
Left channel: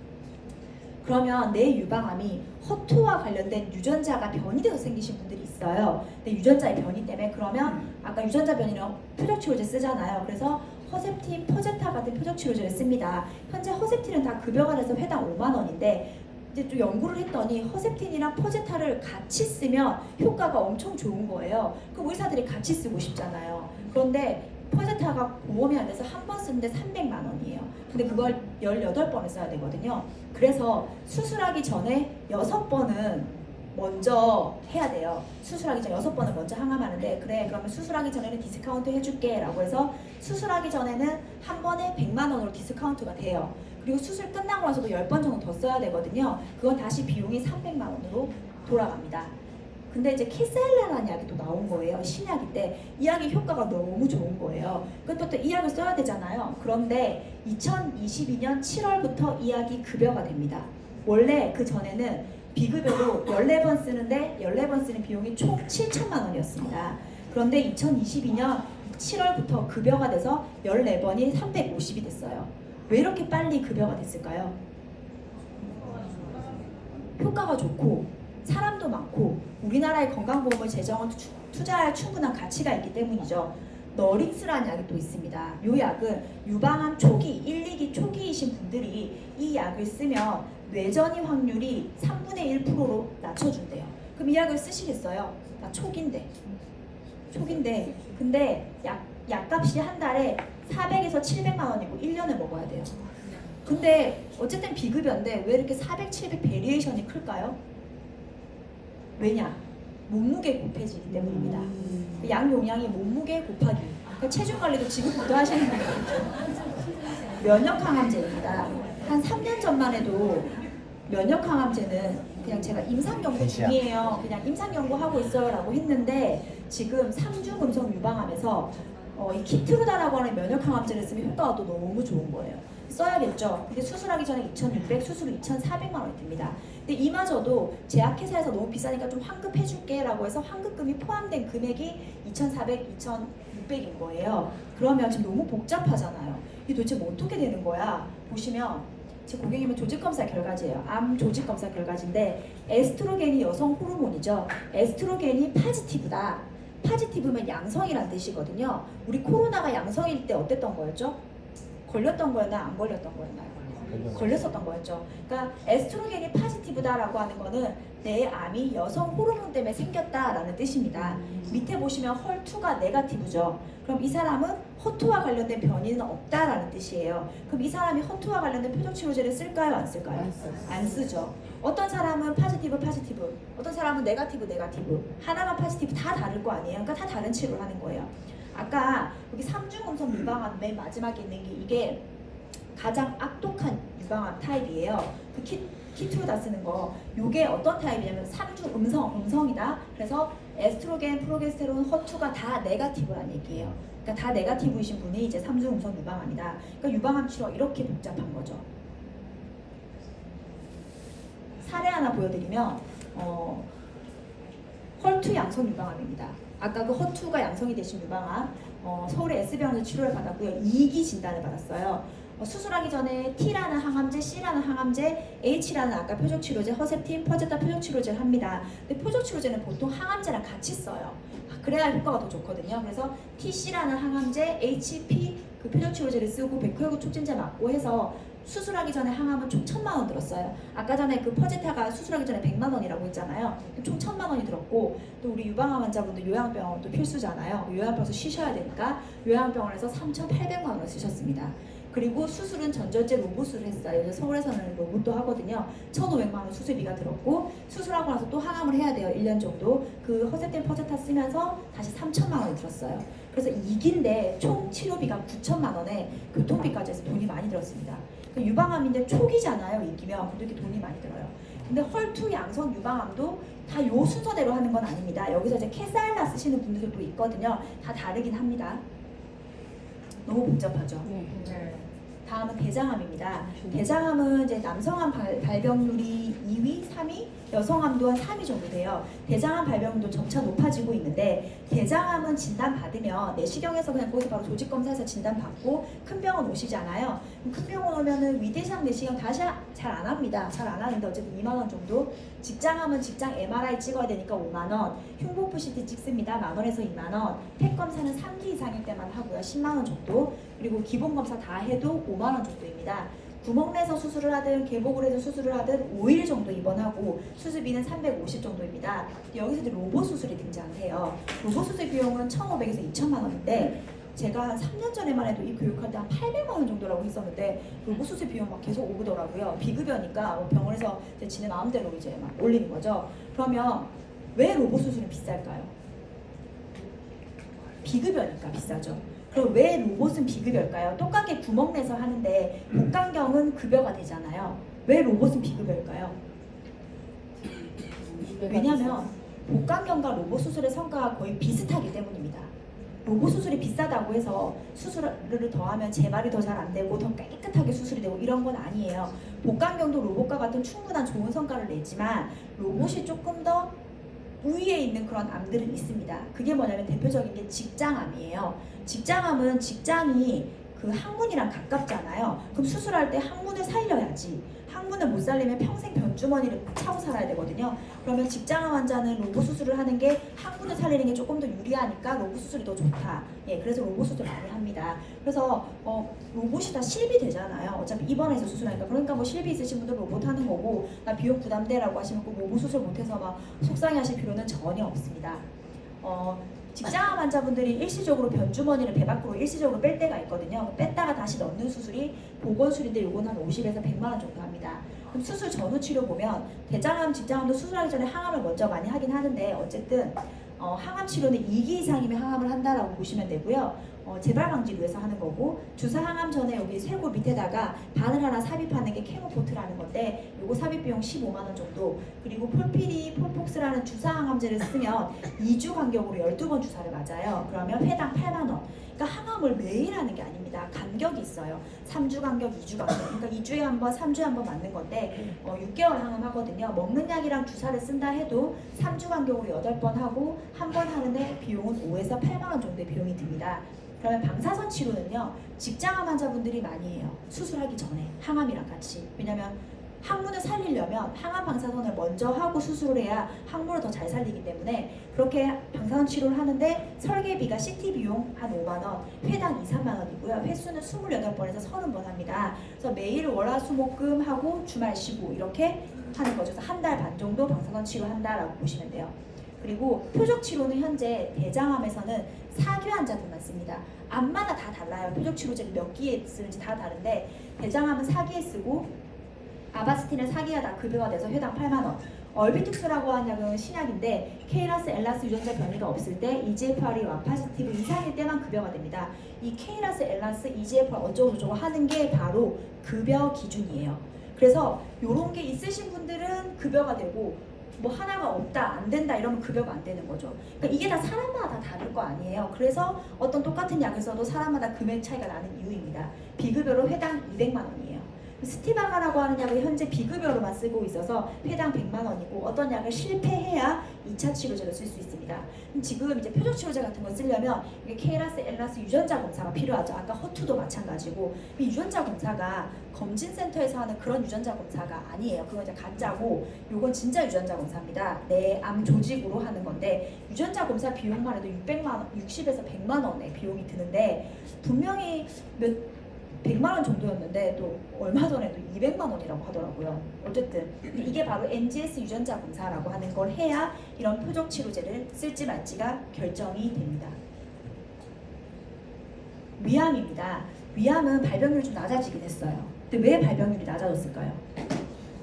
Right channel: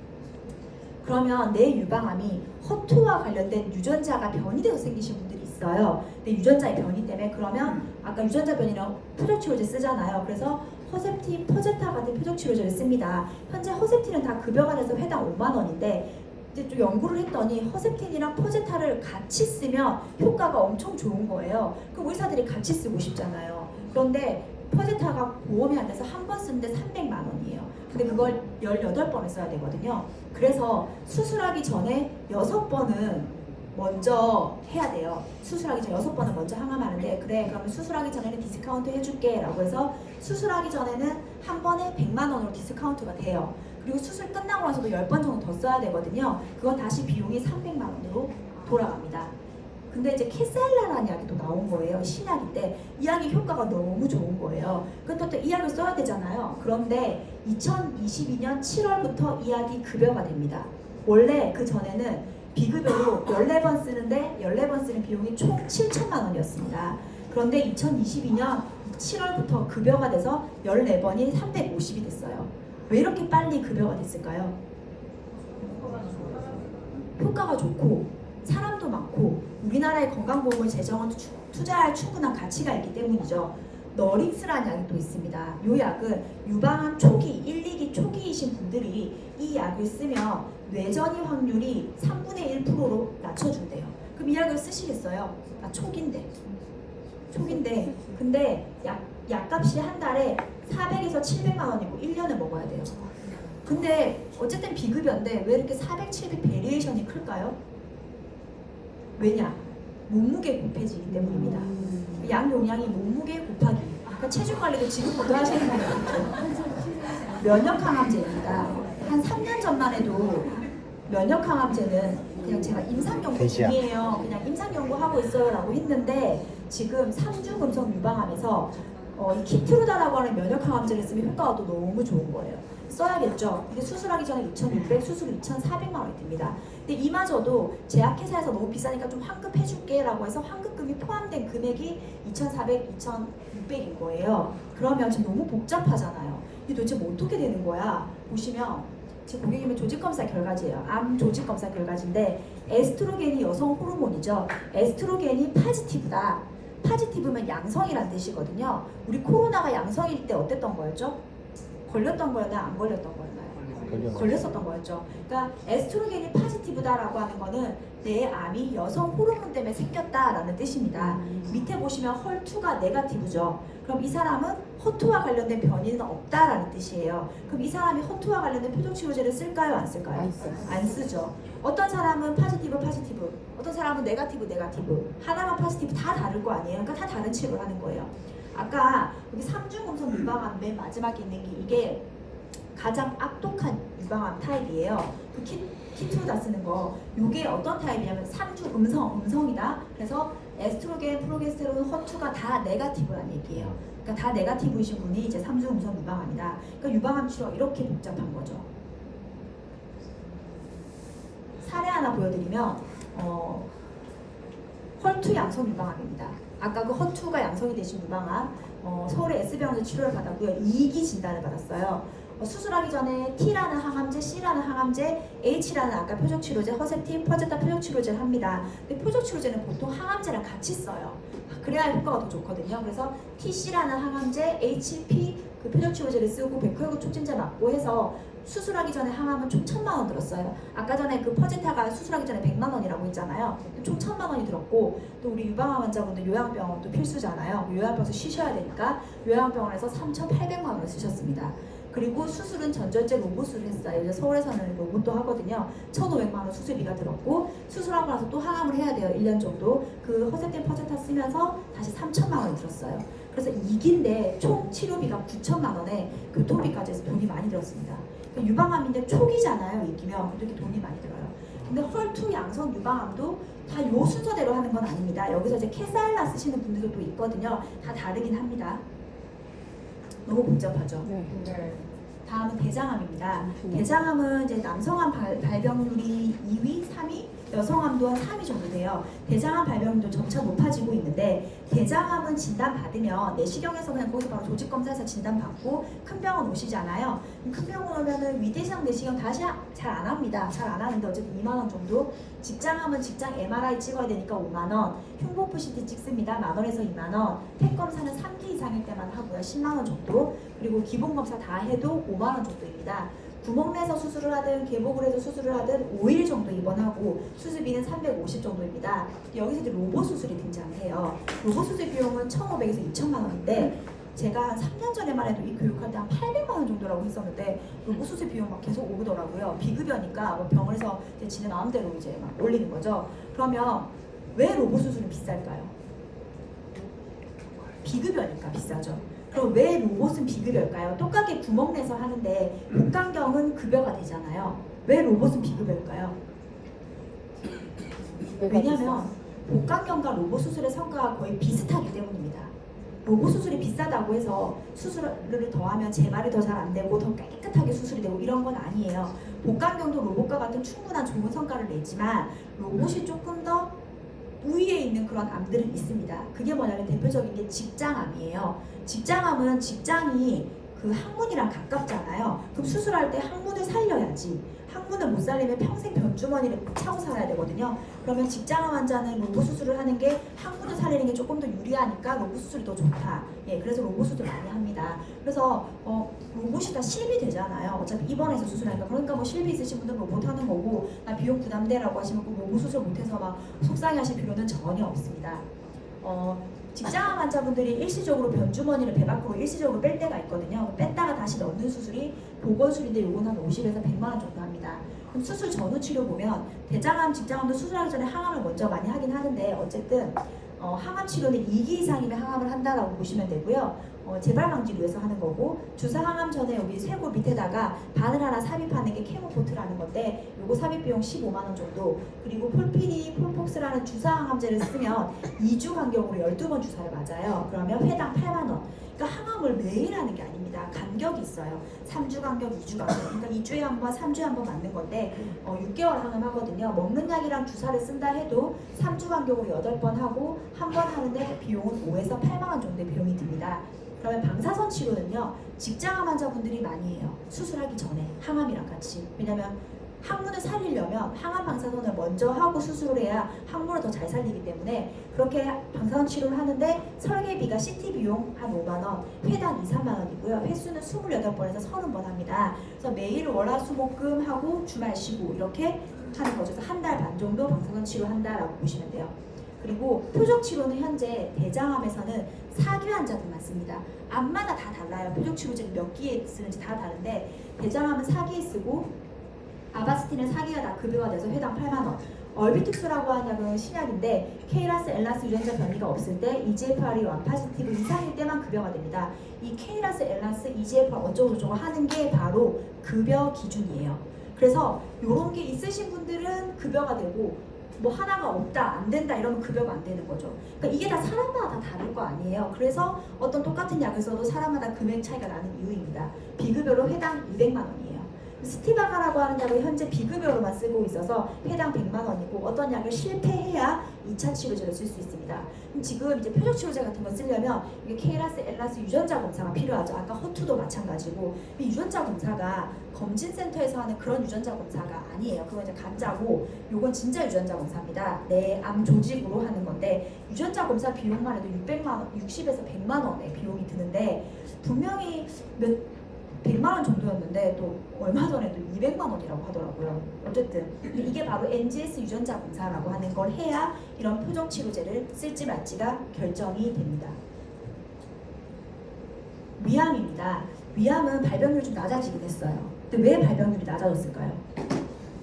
그러면 내 유방암이 허투와 관련된 유전자가 변이 돼서 생기신 분들이 있어요. 근데 유전자의 변이 때문에 그러면 아까 유전자 변이랑 표적 치료제 쓰잖아요. 그래서 허셉틴, 퍼제타 같은 표적 치료제를 씁니다. 현재 허셉틴은 다 급여가 돼서 회당 5만 원인데 이제 좀 연구를 했더니 허셉틴이랑 퍼제타를 같이 쓰면 효과가 엄청 좋은 거예요. 그럼 의사들이 같이 쓰고 싶잖아요. 그런데 퍼제타가 보험이 안 돼서 한 번 쓰는데 300만 원이에요. 근데 그걸 18번을 써야 되거든요. 그래서 수술하기 전에 6번은 먼저 해야 돼요. 수술하기 전에 6번은 먼저 항암하는데, 그래 그러면 수술하기 전에는 디스카운트 해줄게 라고 해서 수술하기 전에는 한 번에 100만 원으로 디스카운트가 돼요. 그리고 수술 끝나고 나서도 10번 정도 더 써야 되거든요. 그건 다시 비용이 300만 원으로 돌아갑니다. 근데 이제 캐살라라는 약이 또 나온 거예요. 신약인데 이 약의 효과가 너무 좋은 거예요. 근데 또 이 약을 써야 되잖아요. 그런데 2022년 7월부터 이 약이 급여가 됩니다. 원래 그 전에는 비급여로 14번 쓰는데 14번 쓰는 비용이 총 7천만 원이었습니다. 그런데 2022년 7월부터 급여가 돼서 14번이 350이 됐어요. 왜 이렇게 빨리 급여가 됐을까요? 효과가 좋고 사람도 많고 우리나라의 건강보험을 재정을 투자할 충분한 가치가 있기 때문이죠. 너링스라는 약이 또 있습니다. 이 약은 유방암 초기, 1, 2기 초기이신 분들이 이 약을 쓰면 뇌전이 확률이 3분의 1%로 낮춰준대요. 그럼 이 약을 쓰시겠어요? 나 초기인데 근데 약값이 한 달에 400에서 700만 원이고 1년을 먹어야 돼요. 근데 어쨌든 비급여인데 왜 이렇게 400, 700 베리에이션이 클까요? 왜냐? 몸무게 곱해지기 때문입니다. 약 용량이 몸무게 곱하기. 그러니까 체중 관리도 지금부터 하시는 분이 있죠. 면역 항암제입니다. 한 3년 전만 해도 면역 항암제는 그냥 제가 임상 연구 중이에요. 그냥 임상 연구하고 있어요라고 했는데 지금 3주 금속 유방암에서 이 키트루다라고 하는 면역 항암제를 쓰면 효과가 또 너무 좋은 거예요. 써야겠죠. 근데 수술하기 전에 2,600, 수술 2,400만 원이 듭니다. 근데 이마저도 제약회사에서 너무 비싸니까 좀 환급해줄게 라고 해서 환급금이 포함된 금액이 2,400, 2,600인 거예요. 그러면 지금 너무 복잡하잖아요. 이게 도대체 뭐 어떻게 되는 거야? 보시면 제 고객님의 조직검사 결과지예요. 암 조직검사 결과지인데 에스트로겐이 여성 호르몬이죠. 에스트로겐이 파지티브다. 파지티브면 양성이란 뜻이거든요. 우리 코로나가 양성일 때 어땠던 거였죠? 걸렸던 거였나요? 안 걸렸던 거였나요? 걸렸었던 거였죠. 그러니까 에스트로겐이 파지티브다라고 하는 거는 내 암이 여성 호르몬 때문에 생겼다라는 뜻입니다. 밑에 보시면 헐2가 네거티브죠. 그럼 이 사람은 허투와 관련된 변이는 없다라는 뜻이에요. 그럼 이 사람이 허투와 관련된 표적 치료제를 쓸까요? 안 쓸까요? 안 쓰죠. 어떤 사람은 파지티브, 어떤 사람은 네거티브, 하나만 파지티브 다 다를 거 아니에요. 그러니까 다 다른 치료를 하는 거예요. 아까 여기 3중 음성 유방암 맨 마지막에 있는 게 이게 가장 악독한 유방암 타입이에요. 그 키투다 쓰는 거. 요게 어떤 타입이냐면 3주 음성이다. 그래서 에스트로겐, 프로게스테론, 허투가 다 네거티브란 얘기예요. 그러니까 다 네거티브이신 분이 이제 3주 음성 유방암이다. 그러니까 유방암 치료가 이렇게 복잡한 거죠. 사례 하나 보여드리면 헐투 양성 유방암입니다. 아까 그 허투가 양성이 되신 유방암 서울의 S병원에서 치료를 받았고요. 2기 진단을 받았어요. 수술하기 전에 T라는 항암제, C라는 항암제, H라는 아까 표적치료제, 허셉틴, 퍼제타 표적치료제를 합니다. 근데 표적치료제는 보통 항암제랑 같이 써요. 그래야 효과가 더 좋거든요. 그래서 TC라는 항암제, HP 그 표적치료제를 쓰고 백혈구 촉진제 맞고 해서 수술하기 전에 항암은 총 1,000만 원 들었어요. 아까 전에 그 퍼제타가 수술하기 전에 100만 원이라고 했잖아요. 총 1,000만 원이 들었고 또 우리 유방암 환자분들 요양병원 또 필수잖아요. 요양병원에서 쉬셔야 되니까 요양병원에서 3,800만 원을 쓰셨습니다. 그리고 수술은 전절제 로봇을 했어요. 이제 서울에서는 로봇도 하거든요. 1,500만 원 수술비가 들었고 수술하고 나서 또 항암을 해야 돼요. 1년 정도. 그 허셉틴 퍼제타 쓰면서 다시 3,000만 원이 들었어요. 그래서 2기인데 총 치료비가 9,000만 원에 교통비까지 해서 돈이 많이 들었습니다. 유방암인데 초기잖아요. 2기면 그렇게 돈이 많이 들어요. 근데 헐투 양성 유방암도 다 요 순서대로 하는 건 아닙니다. 여기서 이제 캐살라 쓰시는 분들도 또 있거든요. 다 다르긴 합니다. 너무 복잡하죠. 네. 다음은 대장암입니다. 대장암은 이제 남성암 발병률이 2위, 3위, 여성암도 한 3위 정도 돼요. 대장암 발병률도 점차 높아지고 있는데 대장암은 진단받으면 내시경에서 그냥 거기서 바로 조직검사해서 진단받고 큰 병원 오시잖아요. 큰 병원 오면은 위대장 내시경 다시 잘 안 합니다. 잘 안 하는데 어쨌든 2만 원 정도. 직장암은 직장 MRI 찍어야 되니까 5만 원. 흉부프 CT 찍습니다. 1만 원에서 2만 원. 팩 검사는 3기 이상일 때만 하고요. 10만 원 정도. 그리고 기본 검사 다 해도 5만 원 정도입니다. 구멍 내서 수술을 하든 계복을 해서 수술을 하든 5일 정도 입원하고 수술비는 350 정도입니다. 여기서 이제 로봇 수술이 등장해요. 로봇 수술 비용은 1,500에서 2,000만 원인데 제가 3년 전에만 해도 이 교육할 때 한 800만 원 정도라고 했었는데 로봇 수술 비용 막 계속 오르더라고요. 비급여니까 병원에서 이제 지네 마음대로 이제 막 올리는 거죠. 그러면 왜 로봇 수술은 비쌀까요? 비급여니까 비싸죠. 그럼 왜 로봇은 비급여일까요? 똑같게 구멍 내서 하는데 복강경은 급여가 되잖아요. 왜 로봇은 비급여일까요? 왜냐하면 복강경과 로봇 수술의 성과가 거의 비슷하기 때문입니다. 로봇 수술이 비싸다고 해서 수술을 더하면 재발이 더 잘 안 되고 더 깨끗하게 수술이 되고 이런 건 아니에요. 복강경도 로봇과 같은 충분한 좋은 성과를 내지만 로봇이 조금 더 우위에 있는 그런 암들은 있습니다. 그게 뭐냐면 대표적인 게 직장암이에요. 직장암은 직장이 그 항문이랑 가깝잖아요. 그럼 수술할 때 항문을 살려야지. 항문을 못 살리면 평생 변주머니를 차고 살아야 되거든요. 그러면 직장암 환자는 로봇 수술을 하는 게 항문을 살리는 게 조금 더 유리하니까 로봇 수술이 더 좋다. 예, 그래서 로봇 수술 많이 합니다. 그래서 로봇이 다 실비 되잖아요. 어차피 입원해서 수술하니까. 그러니까 뭐 실비 있으신 분들 로봇 하는 거고 나 비용 부담돼라고 하시면 꼭 로봇 수술 못해서 막 속상해하실 필요는 전혀 없습니다. 직장암 환자분들이 일시적으로 변주머니를 배 밖으로 일시적으로 뺄 때가 있거든요. 뺐다가 다시 넣는 수술이 보건술인데 요거는 한 50에서 100만 원 정도 합니다. 그럼 수술 전후 치료 보면 대장암, 직장암도 수술하기 전에 항암을 먼저 많이 하긴 하는데 어쨌든 항암 치료는 2기 이상이면 항암을 한다라고 보시면 되고요. 재발 방지를 위해서 하는 거고 주사 항암 전에 여기 쇄골 밑에다가 바늘 하나 삽입하는 게 케모포트라는 건데 요거 삽입 비용 15만 원 정도. 그리고 폴피리, 폴폭스라는 주사 항암제를 쓰면 2주 간격으로 12번 주사를 맞아요. 그러면 회당 8만 원. 그러니까 항암을 매일 하는 게 아닙니다. 간격이 있어요. 3주 간격, 2주 간격. 그러니까 2주에 한 번, 3주에 한 번 맞는 건데 6개월 항암 하거든요. 먹는 약이랑 주사를 쓴다 해도 3주 간격으로 8번 하고 한 번 하는데 비용은 5에서 8만 원 정도의 비용이 듭니다. 그러면 방사선 치료는요. 직장암 환자분들이 많이 해요. 수술하기 전에 항암이랑 같이. 왜냐면 항문을 살리려면 항암 방사선을 먼저 하고 수술을 해야 항문을 더 잘 살리기 때문에 그렇게 방사선 치료를 하는데 설계비가 CT 비용 한 5만 원, 회당 2, 3만 원이고요. 횟수는 28번에서 30번 합니다. 그래서 매일 월화수목금 하고 주말 쉬고 이렇게 하는 거죠. 그래서 한 달 반 정도 방사선 치료한다라고 보시면 돼요. 그리고 표적 치료는 현재 대장암에서는 4기 환자들만 씁니다. 암마다 다 달라요. 표적 치료제를 몇 기에 쓰는지 다 다른데 대장암은 4기에 쓰고 아바스틴은 4기가 다 급여가 돼서 회당 8만 원. 얼비틱스라고 하는 약은 신약인데 케이라스, 엘라스 유전자 변이가 없을 때 EGFR이 1 포지티브 이상일 때만 급여가 됩니다. 이 케이라스, 엘라스, EGFR 어쩌고 저쩌고 하는 게 바로 급여 기준이에요. 그래서 이런 게 있으신 분들은 급여가 되고 뭐 하나가 없다, 안 된다 이러면 급여가 안 되는 거죠. 그러니까 이게 다 사람마다 다 다를 거 아니에요. 그래서 어떤 똑같은 약을 써도 사람마다 금액 차이가 나는 이유입니다. 비급여로 회당 200만 원이에요. 스티바가라고 하는 약을 현재 비급여로만 쓰고 있어서 회당 100만 원이고 어떤 약을 실패해야 2차 치료제를 쓸 수 있습니다. 지금 이제 표적 치료제 같은 거 쓰려면 이게 케이라스, 엘라스 유전자 검사가 필요하죠. 아까 허투도 마찬가지고 이 유전자 검사가 검진센터에서 하는 그런 유전자 검사가 아니에요. 그건 이제 가짜고 요건 진짜 유전자 검사입니다. 내 암 조직으로 하는 건데 유전자 검사 비용만 해도 600만 원, 60에서 100만 원의 비용이 드는데 분명히 100만 원 정도였는데 또 얼마 전에도 200만 원이라고 하더라고요. 어쨌든 이게 바로 NGS 유전자 검사라고 하는 걸 해야 이런 표적 치료제를 쓸지 말지가 결정이 됩니다. 위암입니다. 위암은 발병률이 좀 낮아지긴 했어요. 근데 왜 발병률이 낮아졌을까요?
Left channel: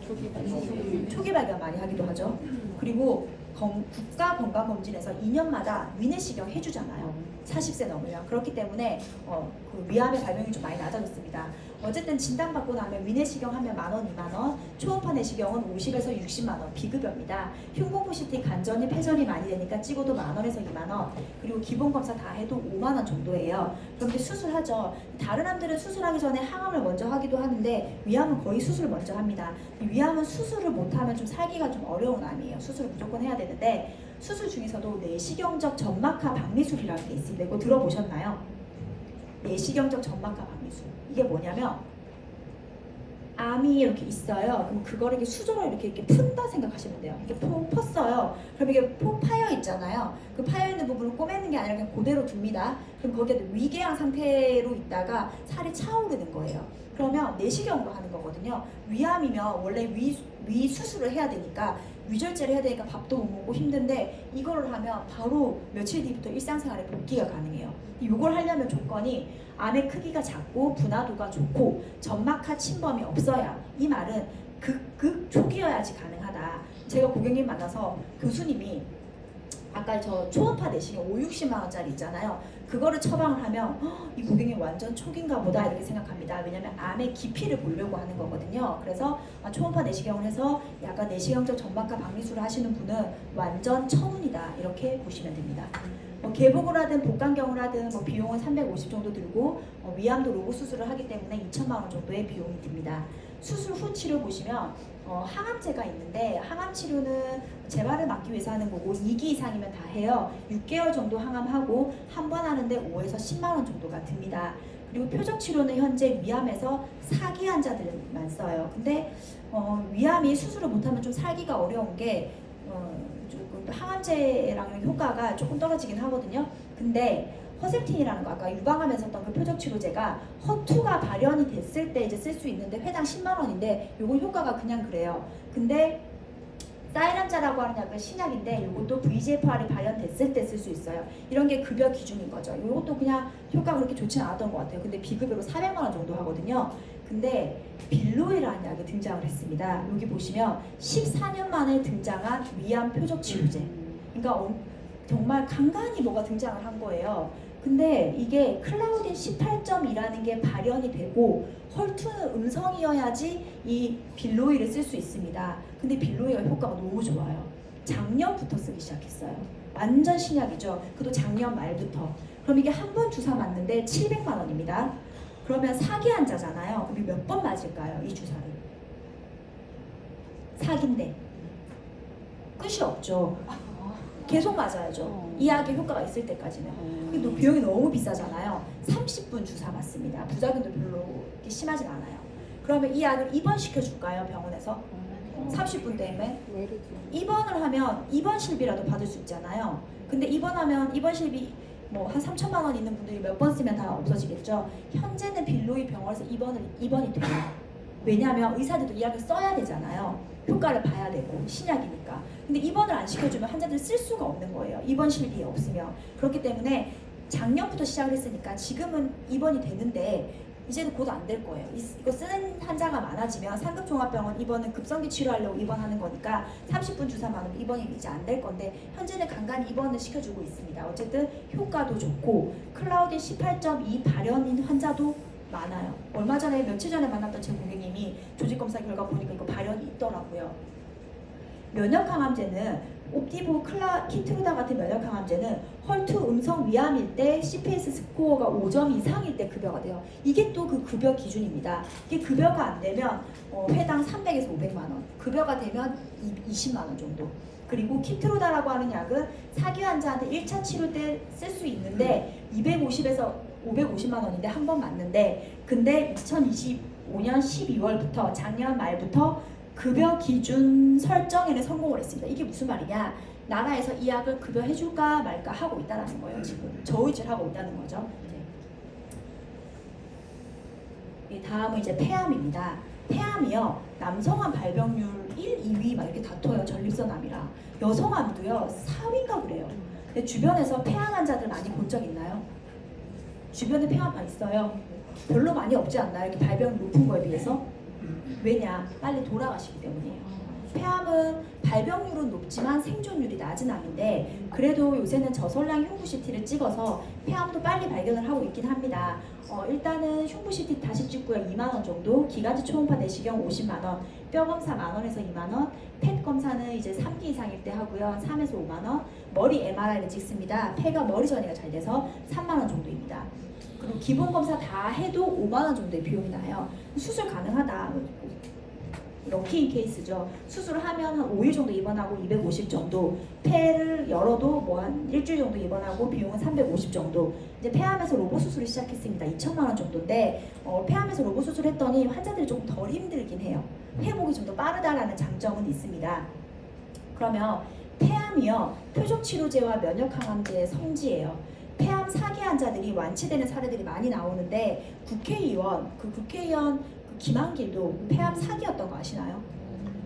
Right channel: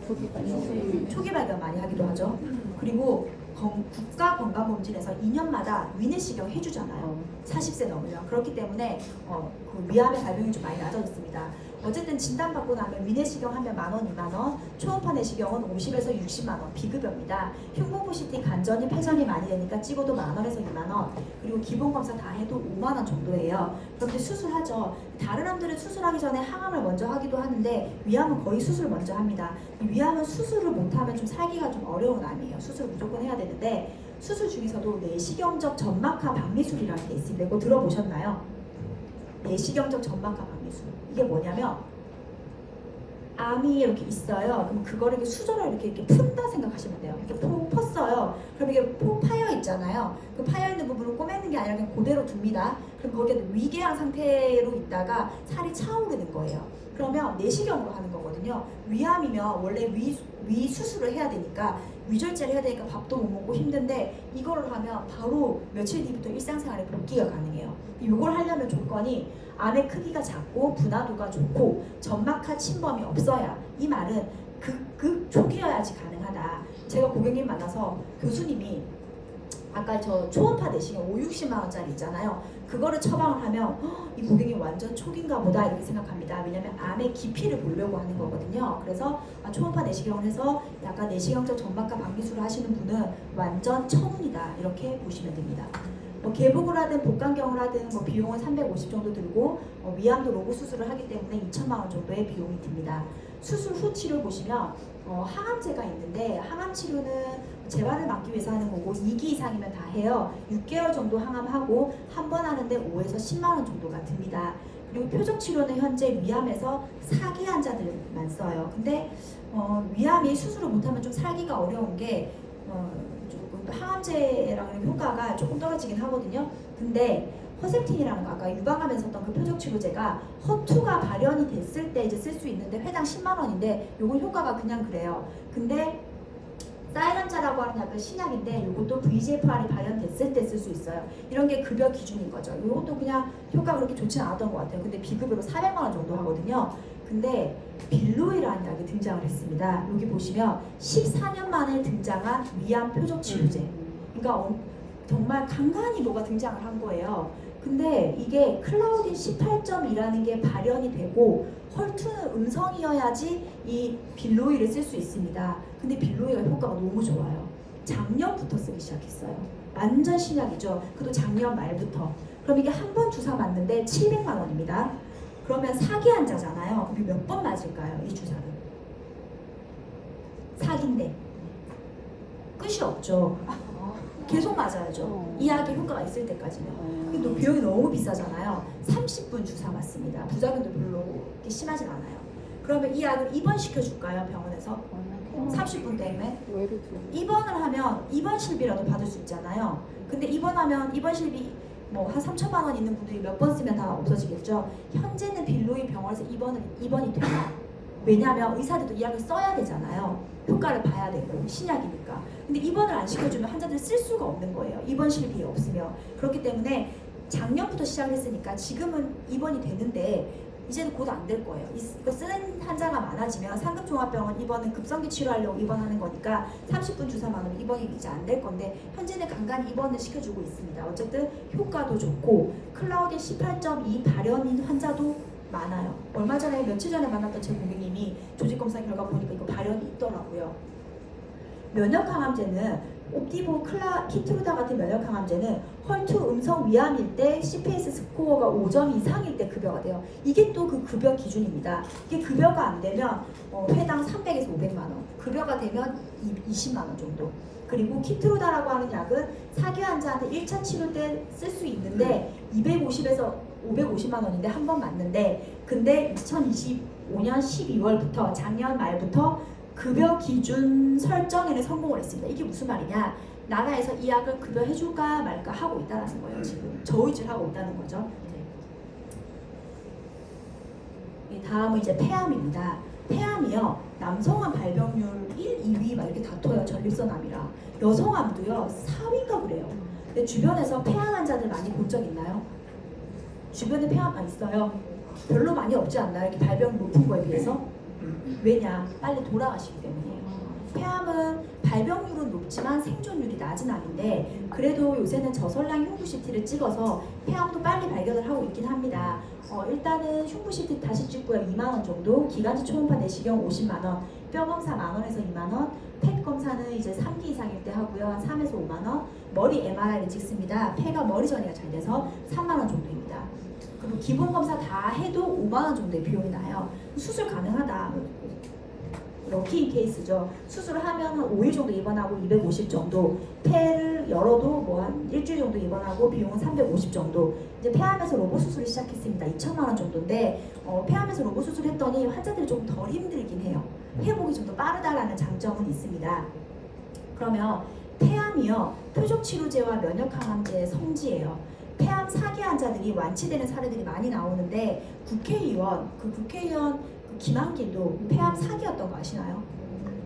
초기 발견 많이 하기도 하죠. 그리고 국가 건강검진에서 2년마다 위내시경 해주잖아요. 40세 넘으면. 그렇기 때문에 그 위암의 발병이 좀 많이 낮아졌습니다. 어쨌든 진단받고 나면 위내시경 하면 10,000원, 20,000원, 초음파 내시경은 50에서 60만 원 비급여입니다. 흉부부 CT 간전이 폐전이 많이 되니까 찍어도 10,000원에서 20,000원, 그리고 기본 검사 다 해도 5만 원 정도예요. 그렇게 수술하죠. 다른 암들은 수술하기 전에 항암을 먼저 하기도 하는데 위암은 거의 수술 먼저 합니다. 위암은 수술을 못하면 좀 살기가 좀 어려운 암이에요. 수술 무조건 해야 되는데 수술 중에서도 내시경적 점막하 박미술이라는 게 있습니다. 이거 들어보셨나요? 내시경적 점막하 박미술. 이게 뭐냐면 암이 이렇게 있어요. 그럼 그거를 이렇게 수저로 이렇게 푼다 생각하시면 돼요. 이렇게 펐어요. 그럼 이게 파여 있잖아요. 그 파여 있는 부분을 꼬매는 게 아니라 그냥 그대로 둡니다. 그럼 거기에 위궤양 상태로 있다가 살이 차오르는 거예요. 그러면 내시경으로 하는 거거든요. 위암이면 원래 위 수술을 해야 되니까 위절제를 해야 되니까 밥도 못 먹고 힘든데 이걸 하면 바로 며칠 뒤부터 일상생활에 복귀가 가능해요. 이걸 하려면 조건이 암의 크기가 작고 분화도가 좋고 점막하 침범이 없어야, 이 말은 극 초기여야지 가능하다. 제가 고객님 만나서 교수님이 아까 저 초음파 내시경 50-60만 원짜리 있잖아요. 그거를 처방을 하면 이 고객님 완전 초기인가 보다 이렇게 생각합니다. 왜냐면 암의 깊이를 보려고 하는 거거든요. 그래서 초음파 내시경을 해서 약간 내시경적 점막하 박미술을 하시는 분은 완전 천운이다 이렇게 보시면 됩니다. 개복을 하든 복강경을 하든 비용은 350 정도 들고 위암도 로고 수술을 하기 때문에 2천만 원 정도의 비용이 듭니다. 수술 후 치료 보시면 항암제가 있는데 항암 치료는 재발을 막기 위해서 하는 거고 2기 이상이면 다 해요. 6개월 정도 항암하고 한 번 하는데 5에서 10만 원 정도가 듭니다. 그리고 표적 치료는 현재 위암에서 4기 환자들만 써요. 근데 위암이 수술을 못하면 좀 살기가 어려운 게 조금 항암제랑 효과가 조금 떨어지긴 하거든요. 근데 허셉틴이라는 거 아까 유방암에서 썼던 그 표적 치료제가 허투가 발현이 됐을 때 이제 쓸 수 있는데 회당 10만 원인데 요건 효과가 그냥 그래요. 근데 사이람자라고 하는 약은 신약인데 이것도 VEGFR이 발현됐을 때 쓸 수 있어요. 이런 게 급여 기준인 거죠. 이것도 그냥 효과가 그렇게 좋지는 않았던 것 같아요. 근데 비급여로 400만 원 정도 하거든요. 근데 빌로이라는 약이 등장을 했습니다. 여기 보시면 14년 만에 등장한 위암 표적 치료제. 그러니까 정말 간간히 뭐가 등장을 한 거예요. 근데 이게 클라우딘 18.2라는 게 발현이 되고 헐투는 음성이어야지 이 빌로이를 쓸 수 있습니다. 근데 빌로이가 효과가 너무 좋아요. 작년부터 쓰기 시작했어요. 완전 신약이죠. 그것도 작년 말부터. 그럼 이게 한 번 주사 맞는데 700만 원입니다. 그러면 4기 환자잖아요. 그럼 몇 번 맞을까요? 이 주사를. 4기인데 끝이 없죠. 계속 맞아야죠. 이 약의 효과가 있을 때까지는. 근데 또 비용이 너무 비싸잖아요. 30분 주사 맞습니다. 부작용도 별로 심하진 않아요. 그러면 이 약을 입원시켜 줄까요? 병원에서? 30분 때문에 입원을 하면 입원실비라도 받을 수 있잖아요. 근데 입원하면 입원실비 뭐 한 3천만 원 있는 분들이 몇 번 쓰면 다 없어지겠죠. 현재는 빌로이 병원에서 입원이 돼요. 왜냐하면 의사들도 이 약을 써야 되잖아요. 효과를 봐야 되고 신약이니까. 근데 입원을 안 시켜주면 환자들 쓸 수가 없는 거예요. 입원실비 없으면. 그렇기 때문에 작년부터 시작을 했으니까 지금은 입원이 되는데 이제는 곧 안 될 거예요. 이거 쓰는 환자가 많아지면 상급종합병원 입원은 급성기 치료하려고 입원하는 거니까 30분 주사만 하면 입원이 이제 안 될 건데 현재는 간간히 입원을 시켜주고 있습니다. 어쨌든 효과도 좋고 클라우딘 18.2 발현인 환자도 많아요. 얼마 전에 며칠 전에 만났던 제 고객님이 조직검사 결과 보니까 이거 발현이 있더라고요. 면역항암제는 옵티보, 키트루다 같은 면역항암제는 헐투 음성 위암일 때 CPS 스코어가 5점 이상일 때 급여가 돼요. 이게 또 그 급여 기준입니다. 이게 급여가 안 되면 회당 300에서 500만 원, 급여가 되면 20만 원 정도. 그리고 키트루다라고 하는 약은 사기 환자한테 1차 치료 때 쓸 수 있는데 250에서 550만 원인데 한 번 맞는데, 근데 2025년 12월부터 작년 말부터 급여 기준 설정에는 성공을 했습니다. 이게 무슨 말이냐? 나라에서 이 약을 급여해줄까 말까 하고 있다는 거예요. 지금 저울질 하고 있다는 거죠. 네. 다음은 이제 폐암입니다. 폐암이요, 남성암 발병률 1, 2위 막 이렇게 다퉈요. 전립선암이랑. 여성암도요 4위인가 그래요. 근데 주변에서 폐암 환자들 많이 본 적 있나요? 주변에 폐암 있어요? 별로 많이 없지 않나요? 이렇게 발병 높은 거에 비해서? 왜냐? 빨리 돌아가시기 때문이에요. 폐암은 발병률은 높지만 생존율이 낮은 암인데, 그래도 요새는 저설량 흉부CT를 찍어서 폐암도 빨리 발견을 하고 있긴 합니다. 일단은 흉부CT 다시 찍고요 2만 원 정도, 기관지 초음파 내시경 50만 원, 뼈 검사 만 원에서 2만 원, 펫 검사는 이제 3기 이상일 때 하고요 한 3에서 5만 원, 머리 MRI를 찍습니다. 폐가 머리 전이가 잘 돼서 3만 원 정도입니다. 그리고 기본 검사 다 해도 5만 원 정도의 비용이 나요. 수술 가능하다. 럭키인 케이스죠. 수술을 하면 한 5일 정도 입원하고 250 정도, 폐를 열어도 뭐 한 일주일 정도 입원하고 비용은 350 정도. 이제 폐암에서 로봇 수술을 시작했습니다. 2천만 원 정도인데 폐암에서 로봇 수술했더니 환자들이 조금 덜 힘들긴 해요. 회복이 좀 더 빠르다라는 장점은 있습니다. 그러면 폐암이요, 표적치료제와 면역항암제의 성지예요. 폐암 사기 환자들이 완치되는 사례들이 많이 나오는데 국회의원 김한길도 폐암 사기였던 거 아시나요?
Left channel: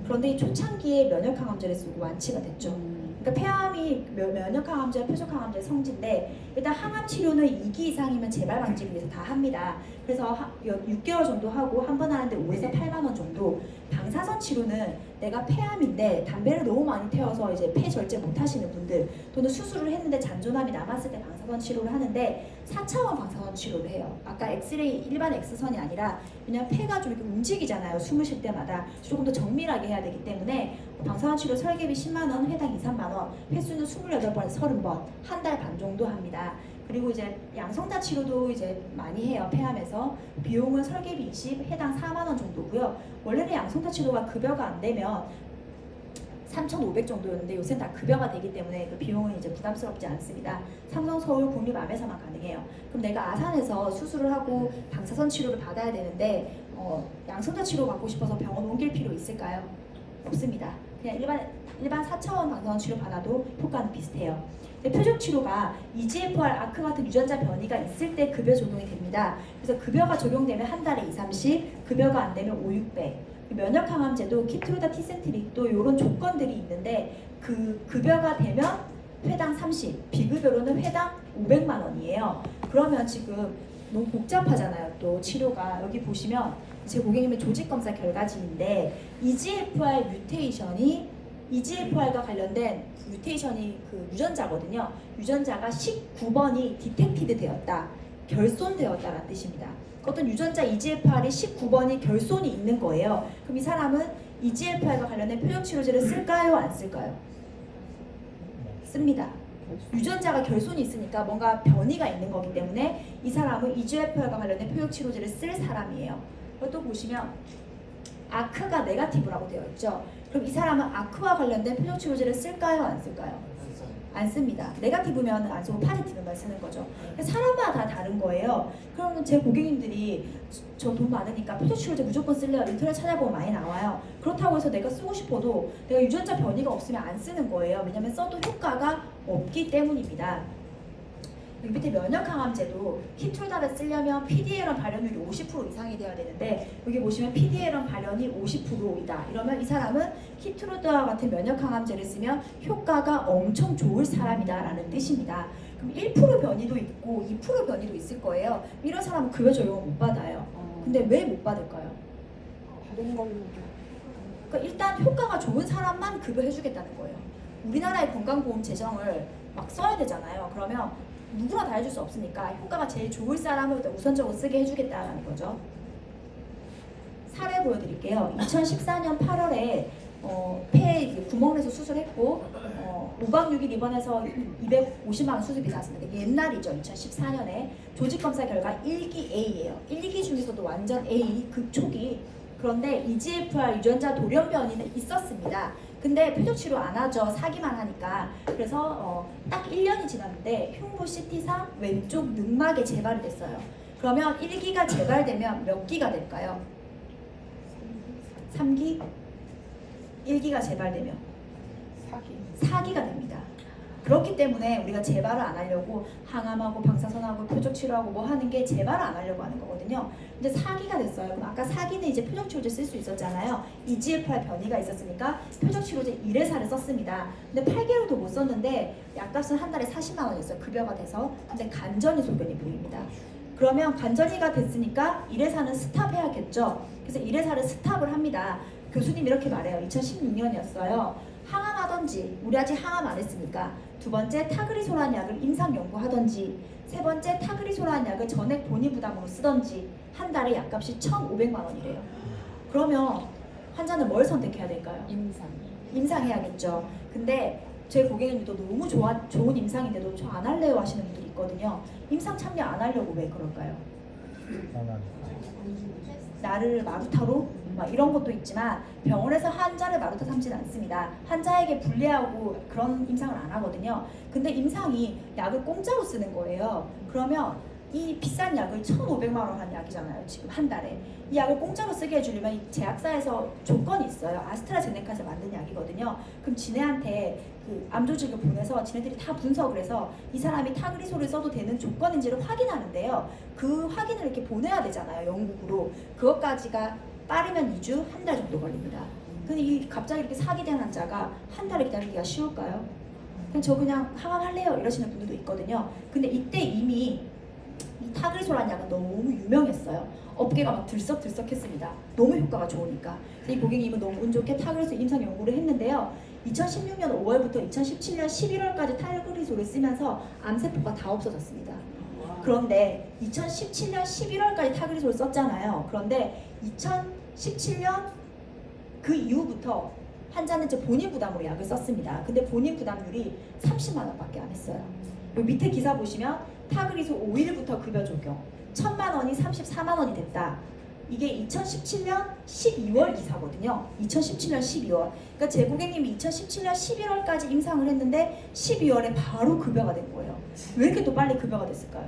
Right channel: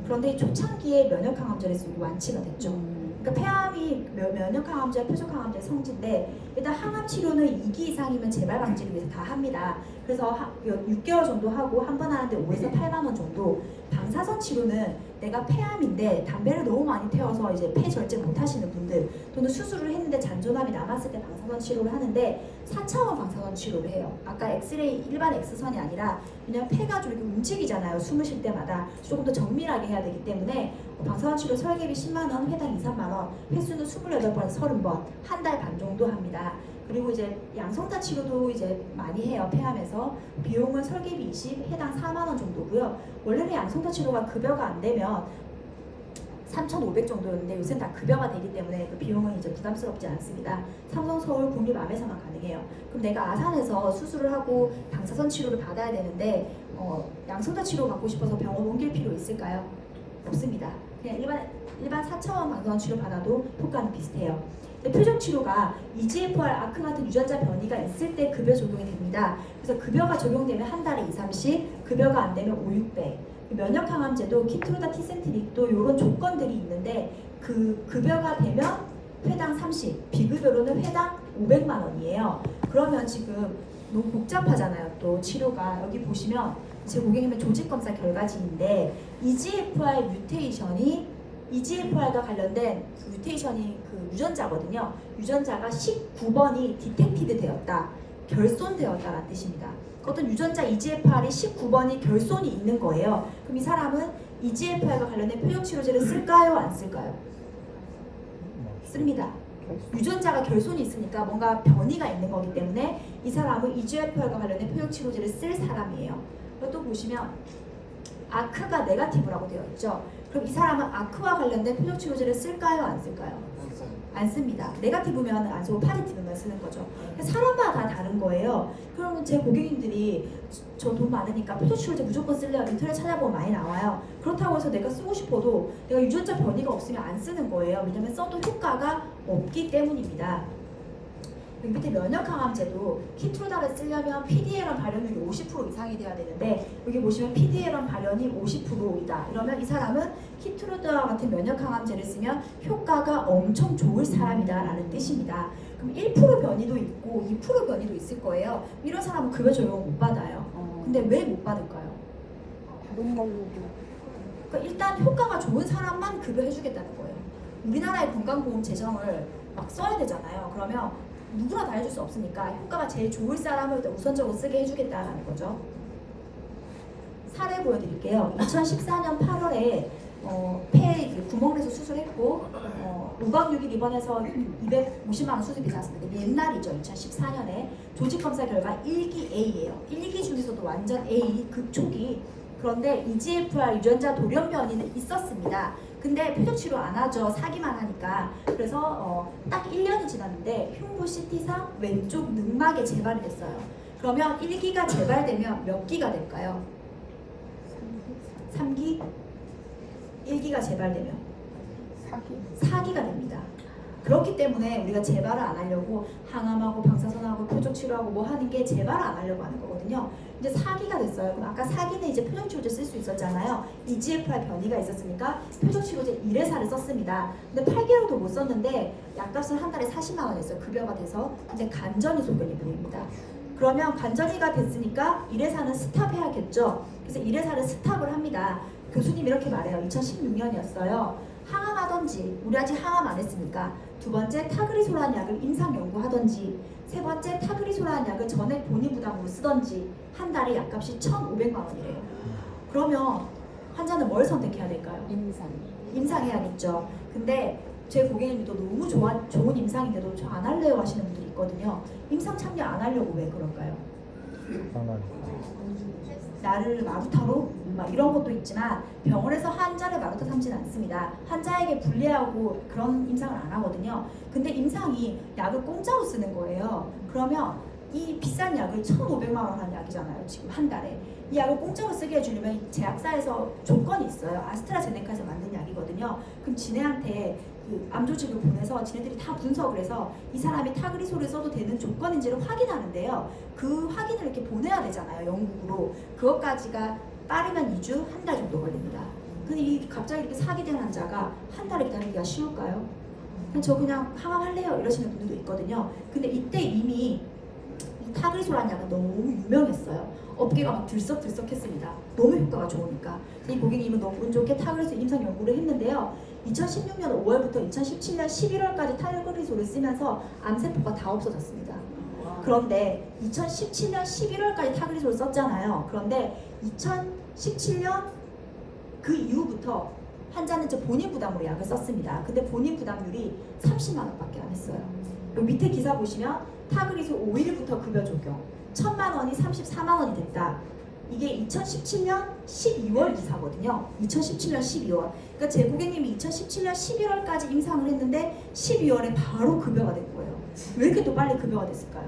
그런데 초창기에 면역항암제를 쓰고 완치가 됐죠. 그러니까 폐암이 면역항암제와 표적항암제의 성지인데, 일단 항암 치료는 2기 이상이면 재발 방지를 위해서 다 합니다. 그래서 6개월 정도 하고 한 번 하는데 5에서 8만 원 정도. 방사선 치료는 내가 폐암인데 담배를 너무 많이 태워서 이제 폐 절제 못 하시는 분들, 또는 수술을 했는데 잔존암이 남았을 때 방사선 치료를 하는데 4차원 방사선 치료를 해요. 아까 엑스레이 일반 X선이 아니라, 왜냐면 폐가 좀 이렇게 움직이잖아요. 숨을 쉴 때마다 조금 더 정밀하게 해야 되기 때문에 방사선 치료 설계비 10만 원, 회당 2, 3만 원, 횟수는 28번에서 30번, 한 달 반 정도 합니다. 그리고 이제 양성자 치료도 이제 많이 해요. 폐암에서 비용은 설계비 20, 해당 4만 원 정도고요. 원래는 양성자 치료가 급여가 안 되면 3,500 정도였는데 요새는 다 급여가 되기 때문에 그 비용은 이제 부담스럽지 않습니다. 삼성 서울 국립암에서만 가능해요. 그럼 내가 아산에서 수술을 하고 방사선 치료를 받아야 되는데 양성자 치료 받고 싶어서 병원 옮길 필요 있을까요? 없습니다. 그냥 일반 4차원 방사선 치료 받아도 효과는 비슷해요. 표적 치료가 EGFR, 아크 같은 유전자 변이가 있을 때 급여 적용이 됩니다. 그래서 급여가 적용되면 한 달에 2, 30, 급여가 안 되면 5, 600. 면역항암제도 키트루다, 티센트릭도 이런 조건들이 있는데, 그 급여가 되면 회당 30, 비급여로는 회당 500만 원이에요. 그러면 지금 너무 복잡하잖아요. 또 치료가 여기 보시면 제 고객님의 조직검사 결과지인데, EGFR과 관련된 뮤테이션이 그 유전자거든요. 유전자가 19번이 디텍티드 되었다, 결손되었다라는 뜻입니다. 어떤 유전자 EGFR이 19번이 결손이 있는 거예요. 그럼 이 사람은 EGFR과 관련된 표적 치료제를 쓸까요? 안 쓸까요? 씁니다. 유전자가 결손이 있으니까 뭔가 변이가 있는 거기 때문에 이 사람은 EGFR과 관련된 표적 치료제를 쓸 사람이에요. 또 보시면 아크가 네거티브라고 되어 있죠. 그럼 이 사람은 아크와 관련된 표적 치료제를 쓸까요? 안 쓸까요? 안 씁니다. 네거티브면 안 쓰고 파지티브만 쓰는 거죠. 사람마다 다 다른 거예요. 그러면 제 고객님들이 저 돈 많으니까 표적 치료제 무조건 쓸래요. 인터넷 찾아보면 많이 나와요. 그렇다고 해서 내가 쓰고 싶어도 내가 유전자 변이가 없으면 안 쓰는 거예요. 왜냐하면 써도 효과가 없기 때문입니다. 여기 밑에 면역항암제도 키트루다를 쓰려면 PDL1 발현율이 50% 이상이 돼야 되는데, 여기 보시면 PDL1 발현이 50%이다. 이러면 이 사람은 키트루다와 같은 면역항암제를 쓰면 효과가 엄청 좋을 사람이다 라는 뜻입니다. 그럼 1% 변이도 있고 2% 변이도 있을 거예요. 이런 사람은 급여 적용을 못 받아요. 근데 왜 못 받을까요? 그러니까 일단 효과가 좋은 사람만 급여해주겠다는 거예요. 우리나라의 건강보험 재정을 막 써야 되잖아요. 그러면 누구나 다 해줄 수 없으니까 효과가 제일 좋을 사람을 우선적으로 쓰게 해주겠다는 거죠. 사례 보여드릴게요. 2014년 8월에 폐에 구멍내서 수술했고 5박 6일 입원해서 250만 원 수술비 나왔습니다. 옛날이죠. 2014년에 조직검사 결과 1기 A예요. 1기 중에서도 완전 A 극초기. 그런데 EGFR 유전자 돌연변이는 있었습니다. 근데 표적치료 안 하죠. 사기만 하니까. 그래서 딱 1년이 지났는데 흉부 CT상 왼쪽 늑막에 재발이 됐어요. 그러면 1기가 재발되면 몇 기가 될까요? 3기? 1기가 재발되면 4기가 됩니다. 그렇기 때문에 우리가 재발을 안 하려고 항암하고 방사선하고 표적치료하고 뭐 하는 게 재발을 안 하려고 하는 거거든요. 근데 4기가 됐어요. 그럼 아까 4기는 이제 표적치료제 쓸 수 있었잖아요. EGFR 변이가 있었으니까 표적치료제 1회사를 썼습니다. 근데 8개월도 못 썼는데 약값은 한 달에 40만 원이었어요. 급여가 돼서. 근데 간전이 소견이 보입니다. 그러면 간전이가 됐으니까 1회사는 스탑해야겠죠. 그래서 1회사를 스탑을 합니다. 교수님 이렇게 말해요. 2016년이었어요. 항암하던지, 우리 아직 항암 안 했으니까 두 번째 타그리소라는 약을 임상 연구하던지, 세 번째 타그리소라는 약을 전액 본인 부담으로 쓰던지 한 달에 약값이 1,500만 원이래요. 그러면 환자는 뭘 선택해야 될까요? 임상해야겠죠. 근데 제 고객님도 너무 좋은 임상인데도 저 안 할래요 하시는 분들이 있거든요. 임상 참여 안 하려고 왜 그럴까요? 나를 마루타로? 막 이런 것도 있지만 병원에서 환자를 마루타 삼지는 않습니다. 환자에게 불리하고 그런 임상을 안 하거든요. 근데 임상이 약을 공짜로 쓰는 거예요. 그러면 이 비싼 약을 1,500만 원 하는 약이잖아요. 지금 한 달에. 이 약을 공짜로 쓰게 해주려면 이 제약사에서 조건이 있어요. 아스트라제네카에서 만든 약이거든요. 그럼 지네한테 그 암조직을 보내서 지네들이 다 분석을 해서 이 사람이 타그리소를 써도 되는 조건인지를 확인하는데요. 그 확인을 이렇게 보내야 되잖아요. 영국으로. 그것까지가 빠르면 2주, 한 달 정도 걸립니다. 근데 이 갑자기 이렇게 사기된 환자가 한 달을 기다리기가 쉬울까요? 그냥 항암할래요 이러시는 분들도 있거든요. 근데 이때 이미 이 타그리소라는 약은 너무 유명했어요. 업계가 막 들썩들썩했습니다. 너무 효과가 좋으니까. 이 고객님은 너무 운 좋게 타그리소 임상 연구를 했는데요. 2016년 5월부터 2017년 11월까지 타그리소를 쓰면서 암세포가 다 없어졌습니다. 그런데 2017년 11월까지 타그리소를 썼잖아요. 그런데 2017년 그 이후부터 환자는 이제 본인 부담으로 약을 썼습니다. 근데 본인 부담률이 30만 원밖에 안 했어요. 여기 밑에 기사 보시면 타그리소 5일부터 급여 적용 1,000만 원이 34만 원이 됐다. 이게 2017년 12월 기사거든요. 2017년 12월. 그러니까 제 고객님이 2017년 11월까지 임상을 했는데 12월에 바로 급여가 된 거예요. 왜 이렇게 또 빨리 급여가 됐을까요?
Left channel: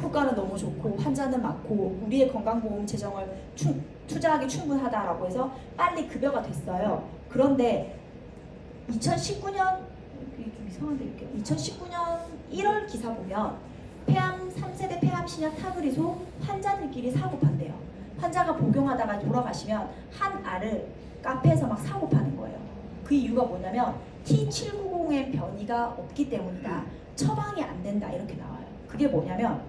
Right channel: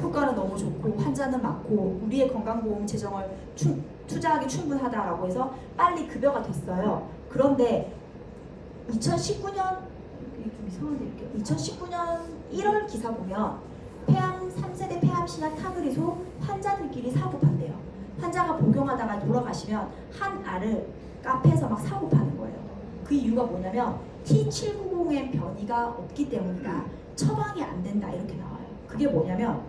효과는 너무 좋고 환자는 많고 우리의 건강보험 재정을 투자하기 충분하다라고 해서 빨리 급여가 됐어요. 그런데 2019년 좀 이상한데 이렇게 2019년 1월 기사 보면 폐암 3세대 폐암 신약 타그리소 환자들끼리 사고 판대요. 환자가 복용하다가 돌아가시면 한 알을 카페에서 막 사고 파는 거예요. 그 이유가 뭐냐면 T790의 변이가 없기 때문이다. 처방이 안 된다 이렇게 나와요. 그게 뭐냐면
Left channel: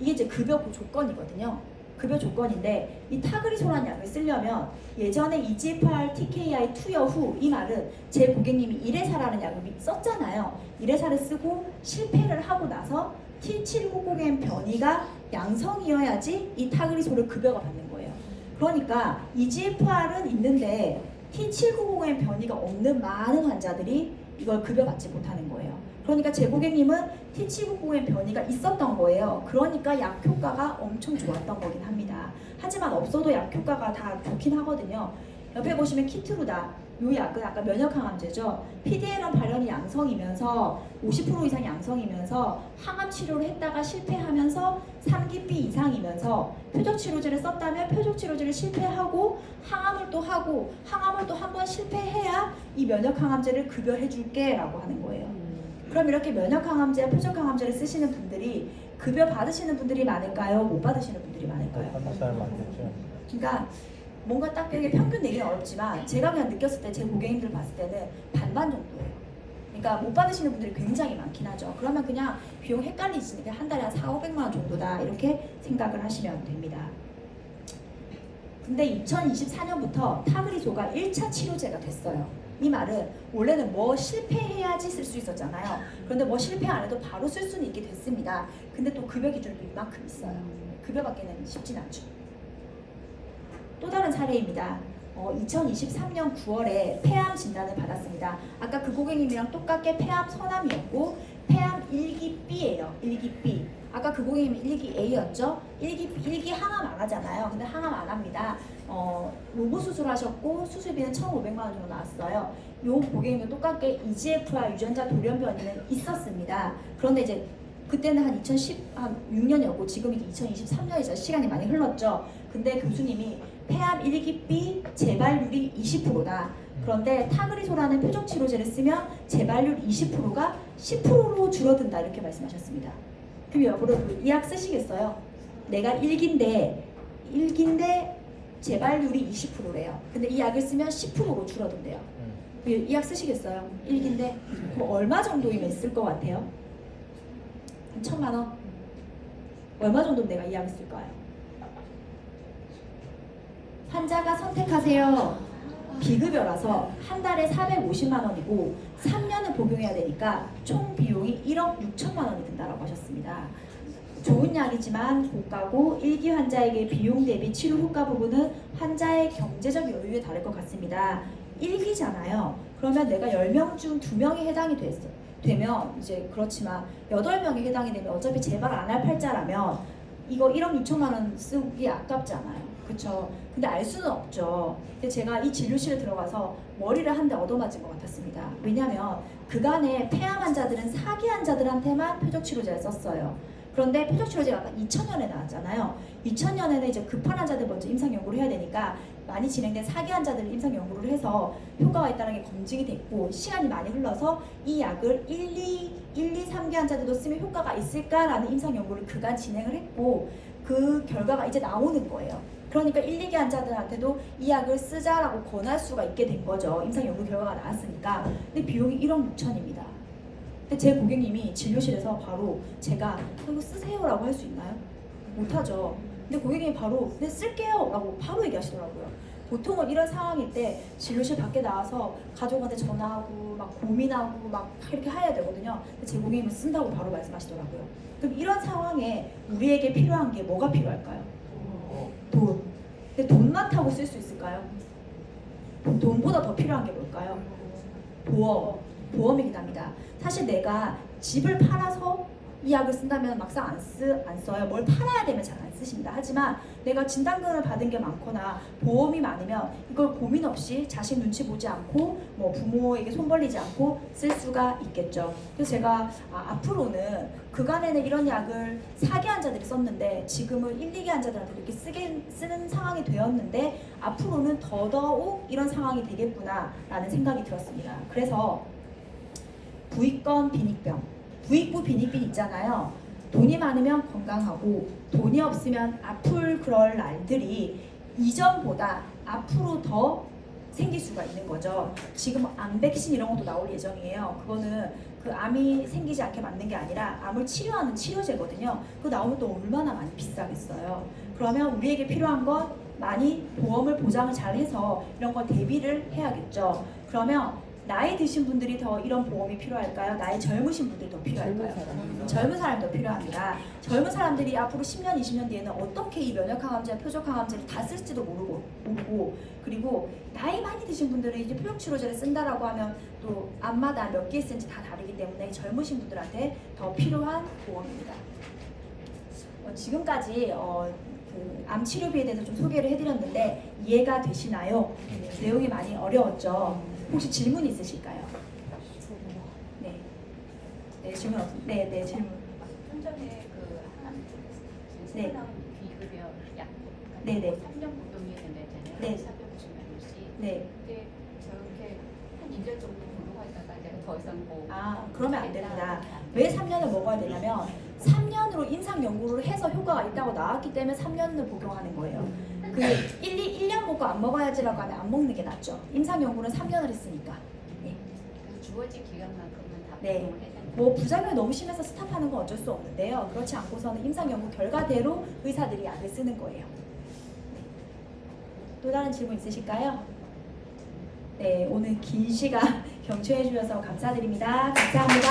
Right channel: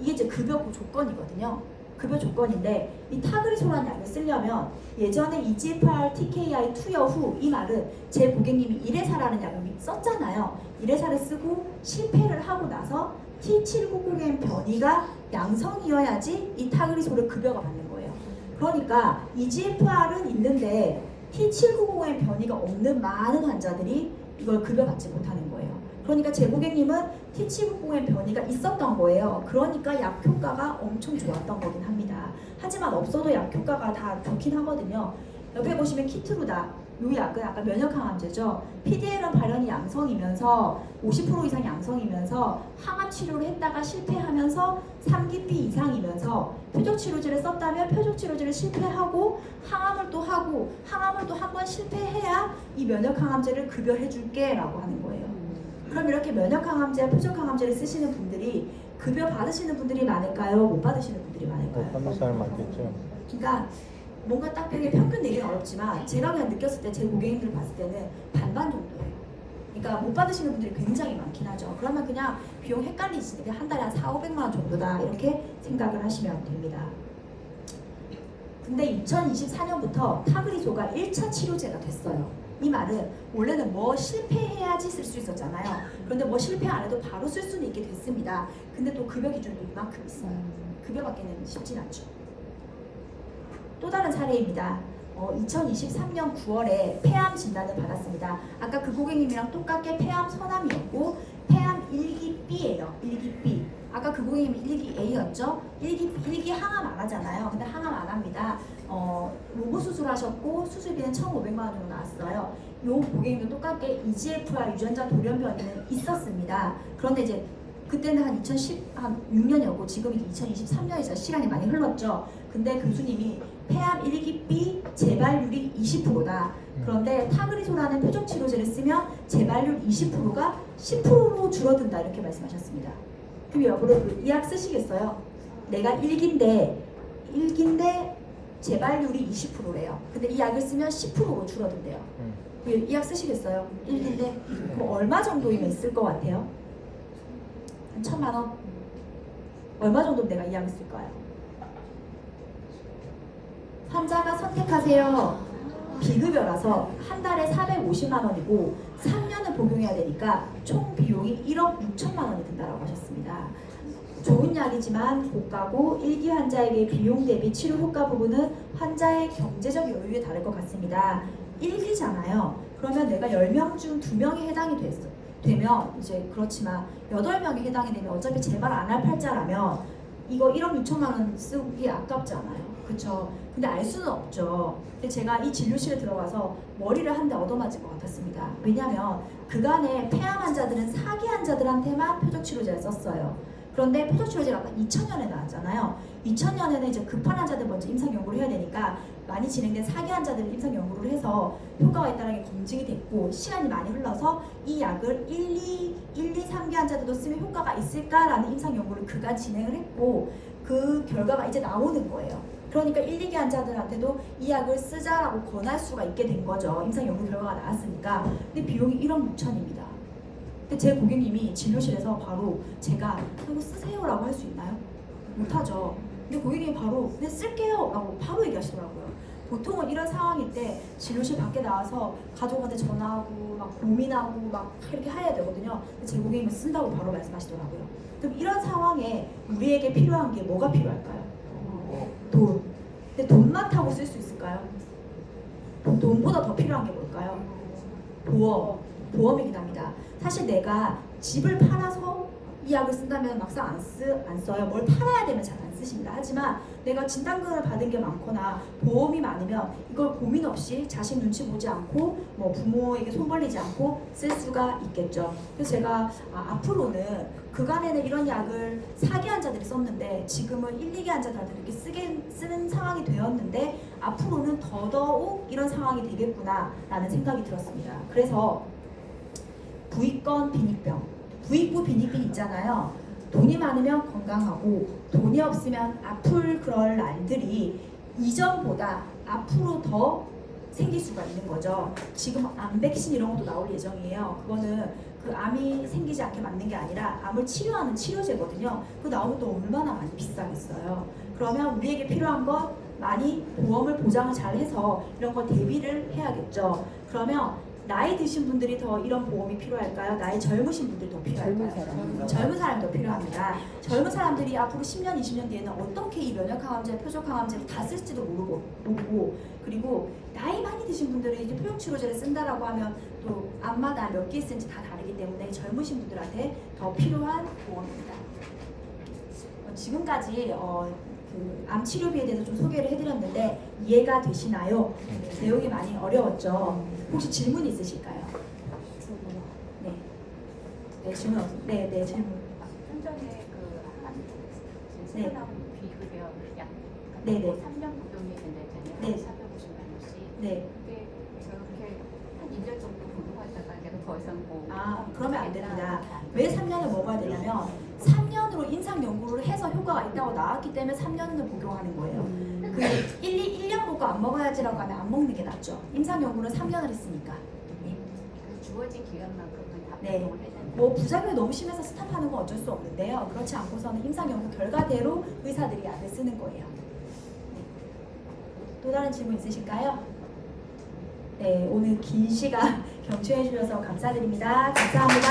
이게 이제 급여 조건이거든요. 급여 조건인데 이 타그리소라는 약을 쓰려면 예전에 EGFR TKI 투여 후 이 말은 제 고객님이 이레사라는 약을 썼잖아요. 이레사를 쓰고 실패를 하고 나서 T790M 변이가 양성이어야지 이 타그리소를 급여가 받는 거예요. 그러니까 EGFR은 있는데 T790M 변이가 없는 많은 환자들이 이걸 급여받지 못하는 거예요. 그러니까 제 고객님은 T790M 변이가 있었던 거예요. 그러니까 약 효과가 엄청 좋았던 거긴 합니다. 하지만 없어도 약 효과가 다 좋긴 하거든요. 옆에 보시면 키트루다. 이 약은 아까 면역항암제죠. PDL1 발현이 양성이면서 50% 이상 양성이면서 항암 치료를 했다가 실패하면서 3기피 이상이면서 표적치료제를 썼다면 표적치료제를 실패하고 항암을 또 하고 항암을 또 한 번 실패해야 이 면역항암제를 급여해줄게 라고 하는 거예요. 그럼 이렇게 면역항암제, 표적항암제를 쓰시는 분들이 급여 받으시는 분들이 많을까요? 못 받으시는 분들이 많을까요? 그러니까 뭔가 딱 평균 내기는 어렵지만 제가 그냥 느꼈을 때 제 고객님들 봤을 때는 반반 정도예요. 그러니까 못 받으시는 분들이 굉장히 많긴 하죠. 그러면 그냥 비용 헷갈리시니까 한 달에 한 4,500만 원 정도다 이렇게 생각을 하시면 됩니다. 근데 2024년부터 타그리소가 1차 치료제가 됐어요. 이 말은 원래는 뭐 실패해야지 쓸 수 있었잖아요. 그런데 뭐 실패 안 해도 바로 쓸 수는 있게 됐습니다. 근데 또 급여 기준도 이만큼 있어요. 급여 받기는 쉽진 않죠. 또 다른 사례입니다. 2023년 9월에 폐암 진단을 받았습니다. 아까 그 고객님이랑 똑같게 폐암 선암이었고 폐암 1기 B예요. 1기 B. 아까 그 고객님은 1기 A였죠. 1기 항암 안 하잖아요. 근데 항암 안 합니다. 로보 수술하셨고 수술비는 1,500만 원 정도 나왔어요. 요 고객님도 똑같게 EGFR 유전자 돌연변이는 있었습니다. 그런데 이제 그때는 한 2016년이었고 지금 이제 2023년이죠. 시간이 많이 흘렀죠. 근데 교수님이 폐암 1기 B 재발률이 20%다. 그런데 타그리소라는 표적 치료제를 쓰면 재발률 20%가 10%로 줄어든다 이렇게 말씀하셨습니다. 그럼 여러분 이 약 쓰시겠어요? 내가 1기인데 재발률이 20%래요. 근데 이 약을 쓰면 10%로 줄어든대요. 이 약 쓰시겠어요? 1기인데 그럼 얼마 정도이면 쓸 것 같아요? 한 1,000만 원? 얼마 정도면 내가 이 약을 쓸 거예요? 환자가 선택하세요. 비급여라서 한 달에 450만 원이고 3년을 복용해야 되니까 총 비용이 1억 6천만 원이 든다고 하셨습니다. 좋은 약이지만 고가고 1기 환자에게 비용 대비 치료 효과 부분은 환자의 경제적 여유에 다를 것 같습니다. 1기잖아요. 그러면 내가 10명 중 2명이 해당이 되면 이제 그렇지만 8명이 해당이 되면 어차피 재발 안 할 팔자라면 이거 1억 6천만 원 쓰기 아깝지 않아요. 그쵸? 근데 알 수는 없죠. 근데 제가 이 진료실에 들어가서 머리를 한 대 얻어맞은 것 같았습니다. 왜냐하면 그간에 폐암 환자들은 사기 환자들한테만 표적치료제를 썼어요. 그런데 표적치료제가 아까 2000년에 나왔잖아요. 2000년에는 이제 급한 환자들 먼저 임상 연구를 해야 되니까 많이 진행된 사기 환자들을 임상 연구를 해서 효과가 있다는 게 검증이 됐고 시간이 많이 흘러서 이 약을 1, 2, 3기 환자들도 쓰면 효과가 있을까라는 임상 연구를 그간 진행을 했고 그 결과가 이제 나오는 거예요. 그러니까 1, 2기 환자들한테도 이 약을 쓰자라고 권할 수가 있게 된 거죠. 임상 연구 결과가 나왔으니까. 근데 비용이 1억 6천입니다. 근데 제 고객님이 진료실에서 바로 제가 이거 쓰세요라고 할 수 있나요? 못하죠. 근데 고객님이 바로 그냥 쓸게요 라고 바로 얘기하시더라고요. 보통은 이런 상황일 때 진료실 밖에 나와서 가족한테 전화하고 막 고민하고 막 이렇게 해야 되거든요. 근데 제 고객님은 쓴다고 바로 말씀하시더라고요. 그럼 이런 상황에 우리에게 필요한 게 뭐가 필요할까요? 돈. 근데 돈만 타고 쓸 수 있을까요? 돈보다 더 필요한 게 뭘까요? 보험이긴 합니다. 사실 내가 집을 팔아서 이 약을 쓴다면 막상 안 써요. 뭘 팔아야 되면 잘 안 쓰십니다. 하지만 내가 진단금을 받은 게 많거나 보험이 많으면 이걸 고민 없이 자식 눈치 보지 않고 뭐 부모에게 손 벌리지 않고 쓸 수가 있겠죠. 그래서 제가 앞으로는 그간에는 이런 약을 사기 환자들이 썼는데 지금은 1, 2기 환자들한테 이렇게 쓰는 상황이 되었는데 앞으로는 더더욱 이런 상황이 되겠구나 라는 생각이 들었습니다. 그래서 부위권 빈익병, 부익부 빈익빈 있잖아요. 돈이 많으면 건강하고 돈이 없으면 아플 그럴 날들이 이전보다 앞으로 더 생길 수가 있는 거죠. 지금 암 백신 이런 것도 나올 예정이에요. 그거는 그 암이 생기지 않게 막는 게 아니라 암을 치료하는 치료제거든요. 그거 나오면 또 얼마나 많이 비싸겠어요. 그러면 우리에게 필요한 건 많이 보험을 보장을 잘 해서 이런 거 대비를 해야겠죠. 그러면 나이 드신 분들이 더 이런 보험이 필요할까요? 나이 젊으신 분들이 더 필요할까요? 젊은 사람이 더 필요합니다. 젊은 사람들이 앞으로 10년, 20년 뒤에는 어떻게 이 면역항암제, 표적항암제를 다 쓸지도 모르고 그리고 나이 많이 드신 분들이 이제 표적치료제를 쓴다라고 하면 또 암마다 몇 개 쓰는지 다 다르기 때문에 젊으신 분들한테 더 필요한 보험입니다. 지금까지 그 암 치료비에 대해서 좀 소개를 해드렸는데 이해가 되시나요? 내용이 많이 어려웠죠? 혹시 질문 있으실까요? 네. 네, 질문 없으세요? 네, 질문. 현장에 그한 네. 비급여 약 네네. 3년 복용해야 된다잖아요. 네. 450ml씩. 네. 근데 저렇게 한 2년 정도 공부하다가 이제 더 이상 뭐 그러면 안 됩니다. 왜 3년을 먹어야 되냐면 3년으로 임상 연구를 해서 효과가 있다고 나왔기 때문에 3년을 복용하는 거예요. 그게 1년 먹고 안 먹어야지라고 하면 안 먹는 게 낫죠. 임상 연구는 3년을 했으니까. 네. 주어진 기간만큼 네. 뭐 부작용이 너무 심해서 스탑하는 건 어쩔 수 없는데요. 그렇지 않고서는 임상 연구 결과대로 의사들이 약을 쓰는 거예요. 네. 또 다른 질문 있으실까요? 네, 오늘 긴 시간 경청해 주셔서 감사드립니다. 감사합니다.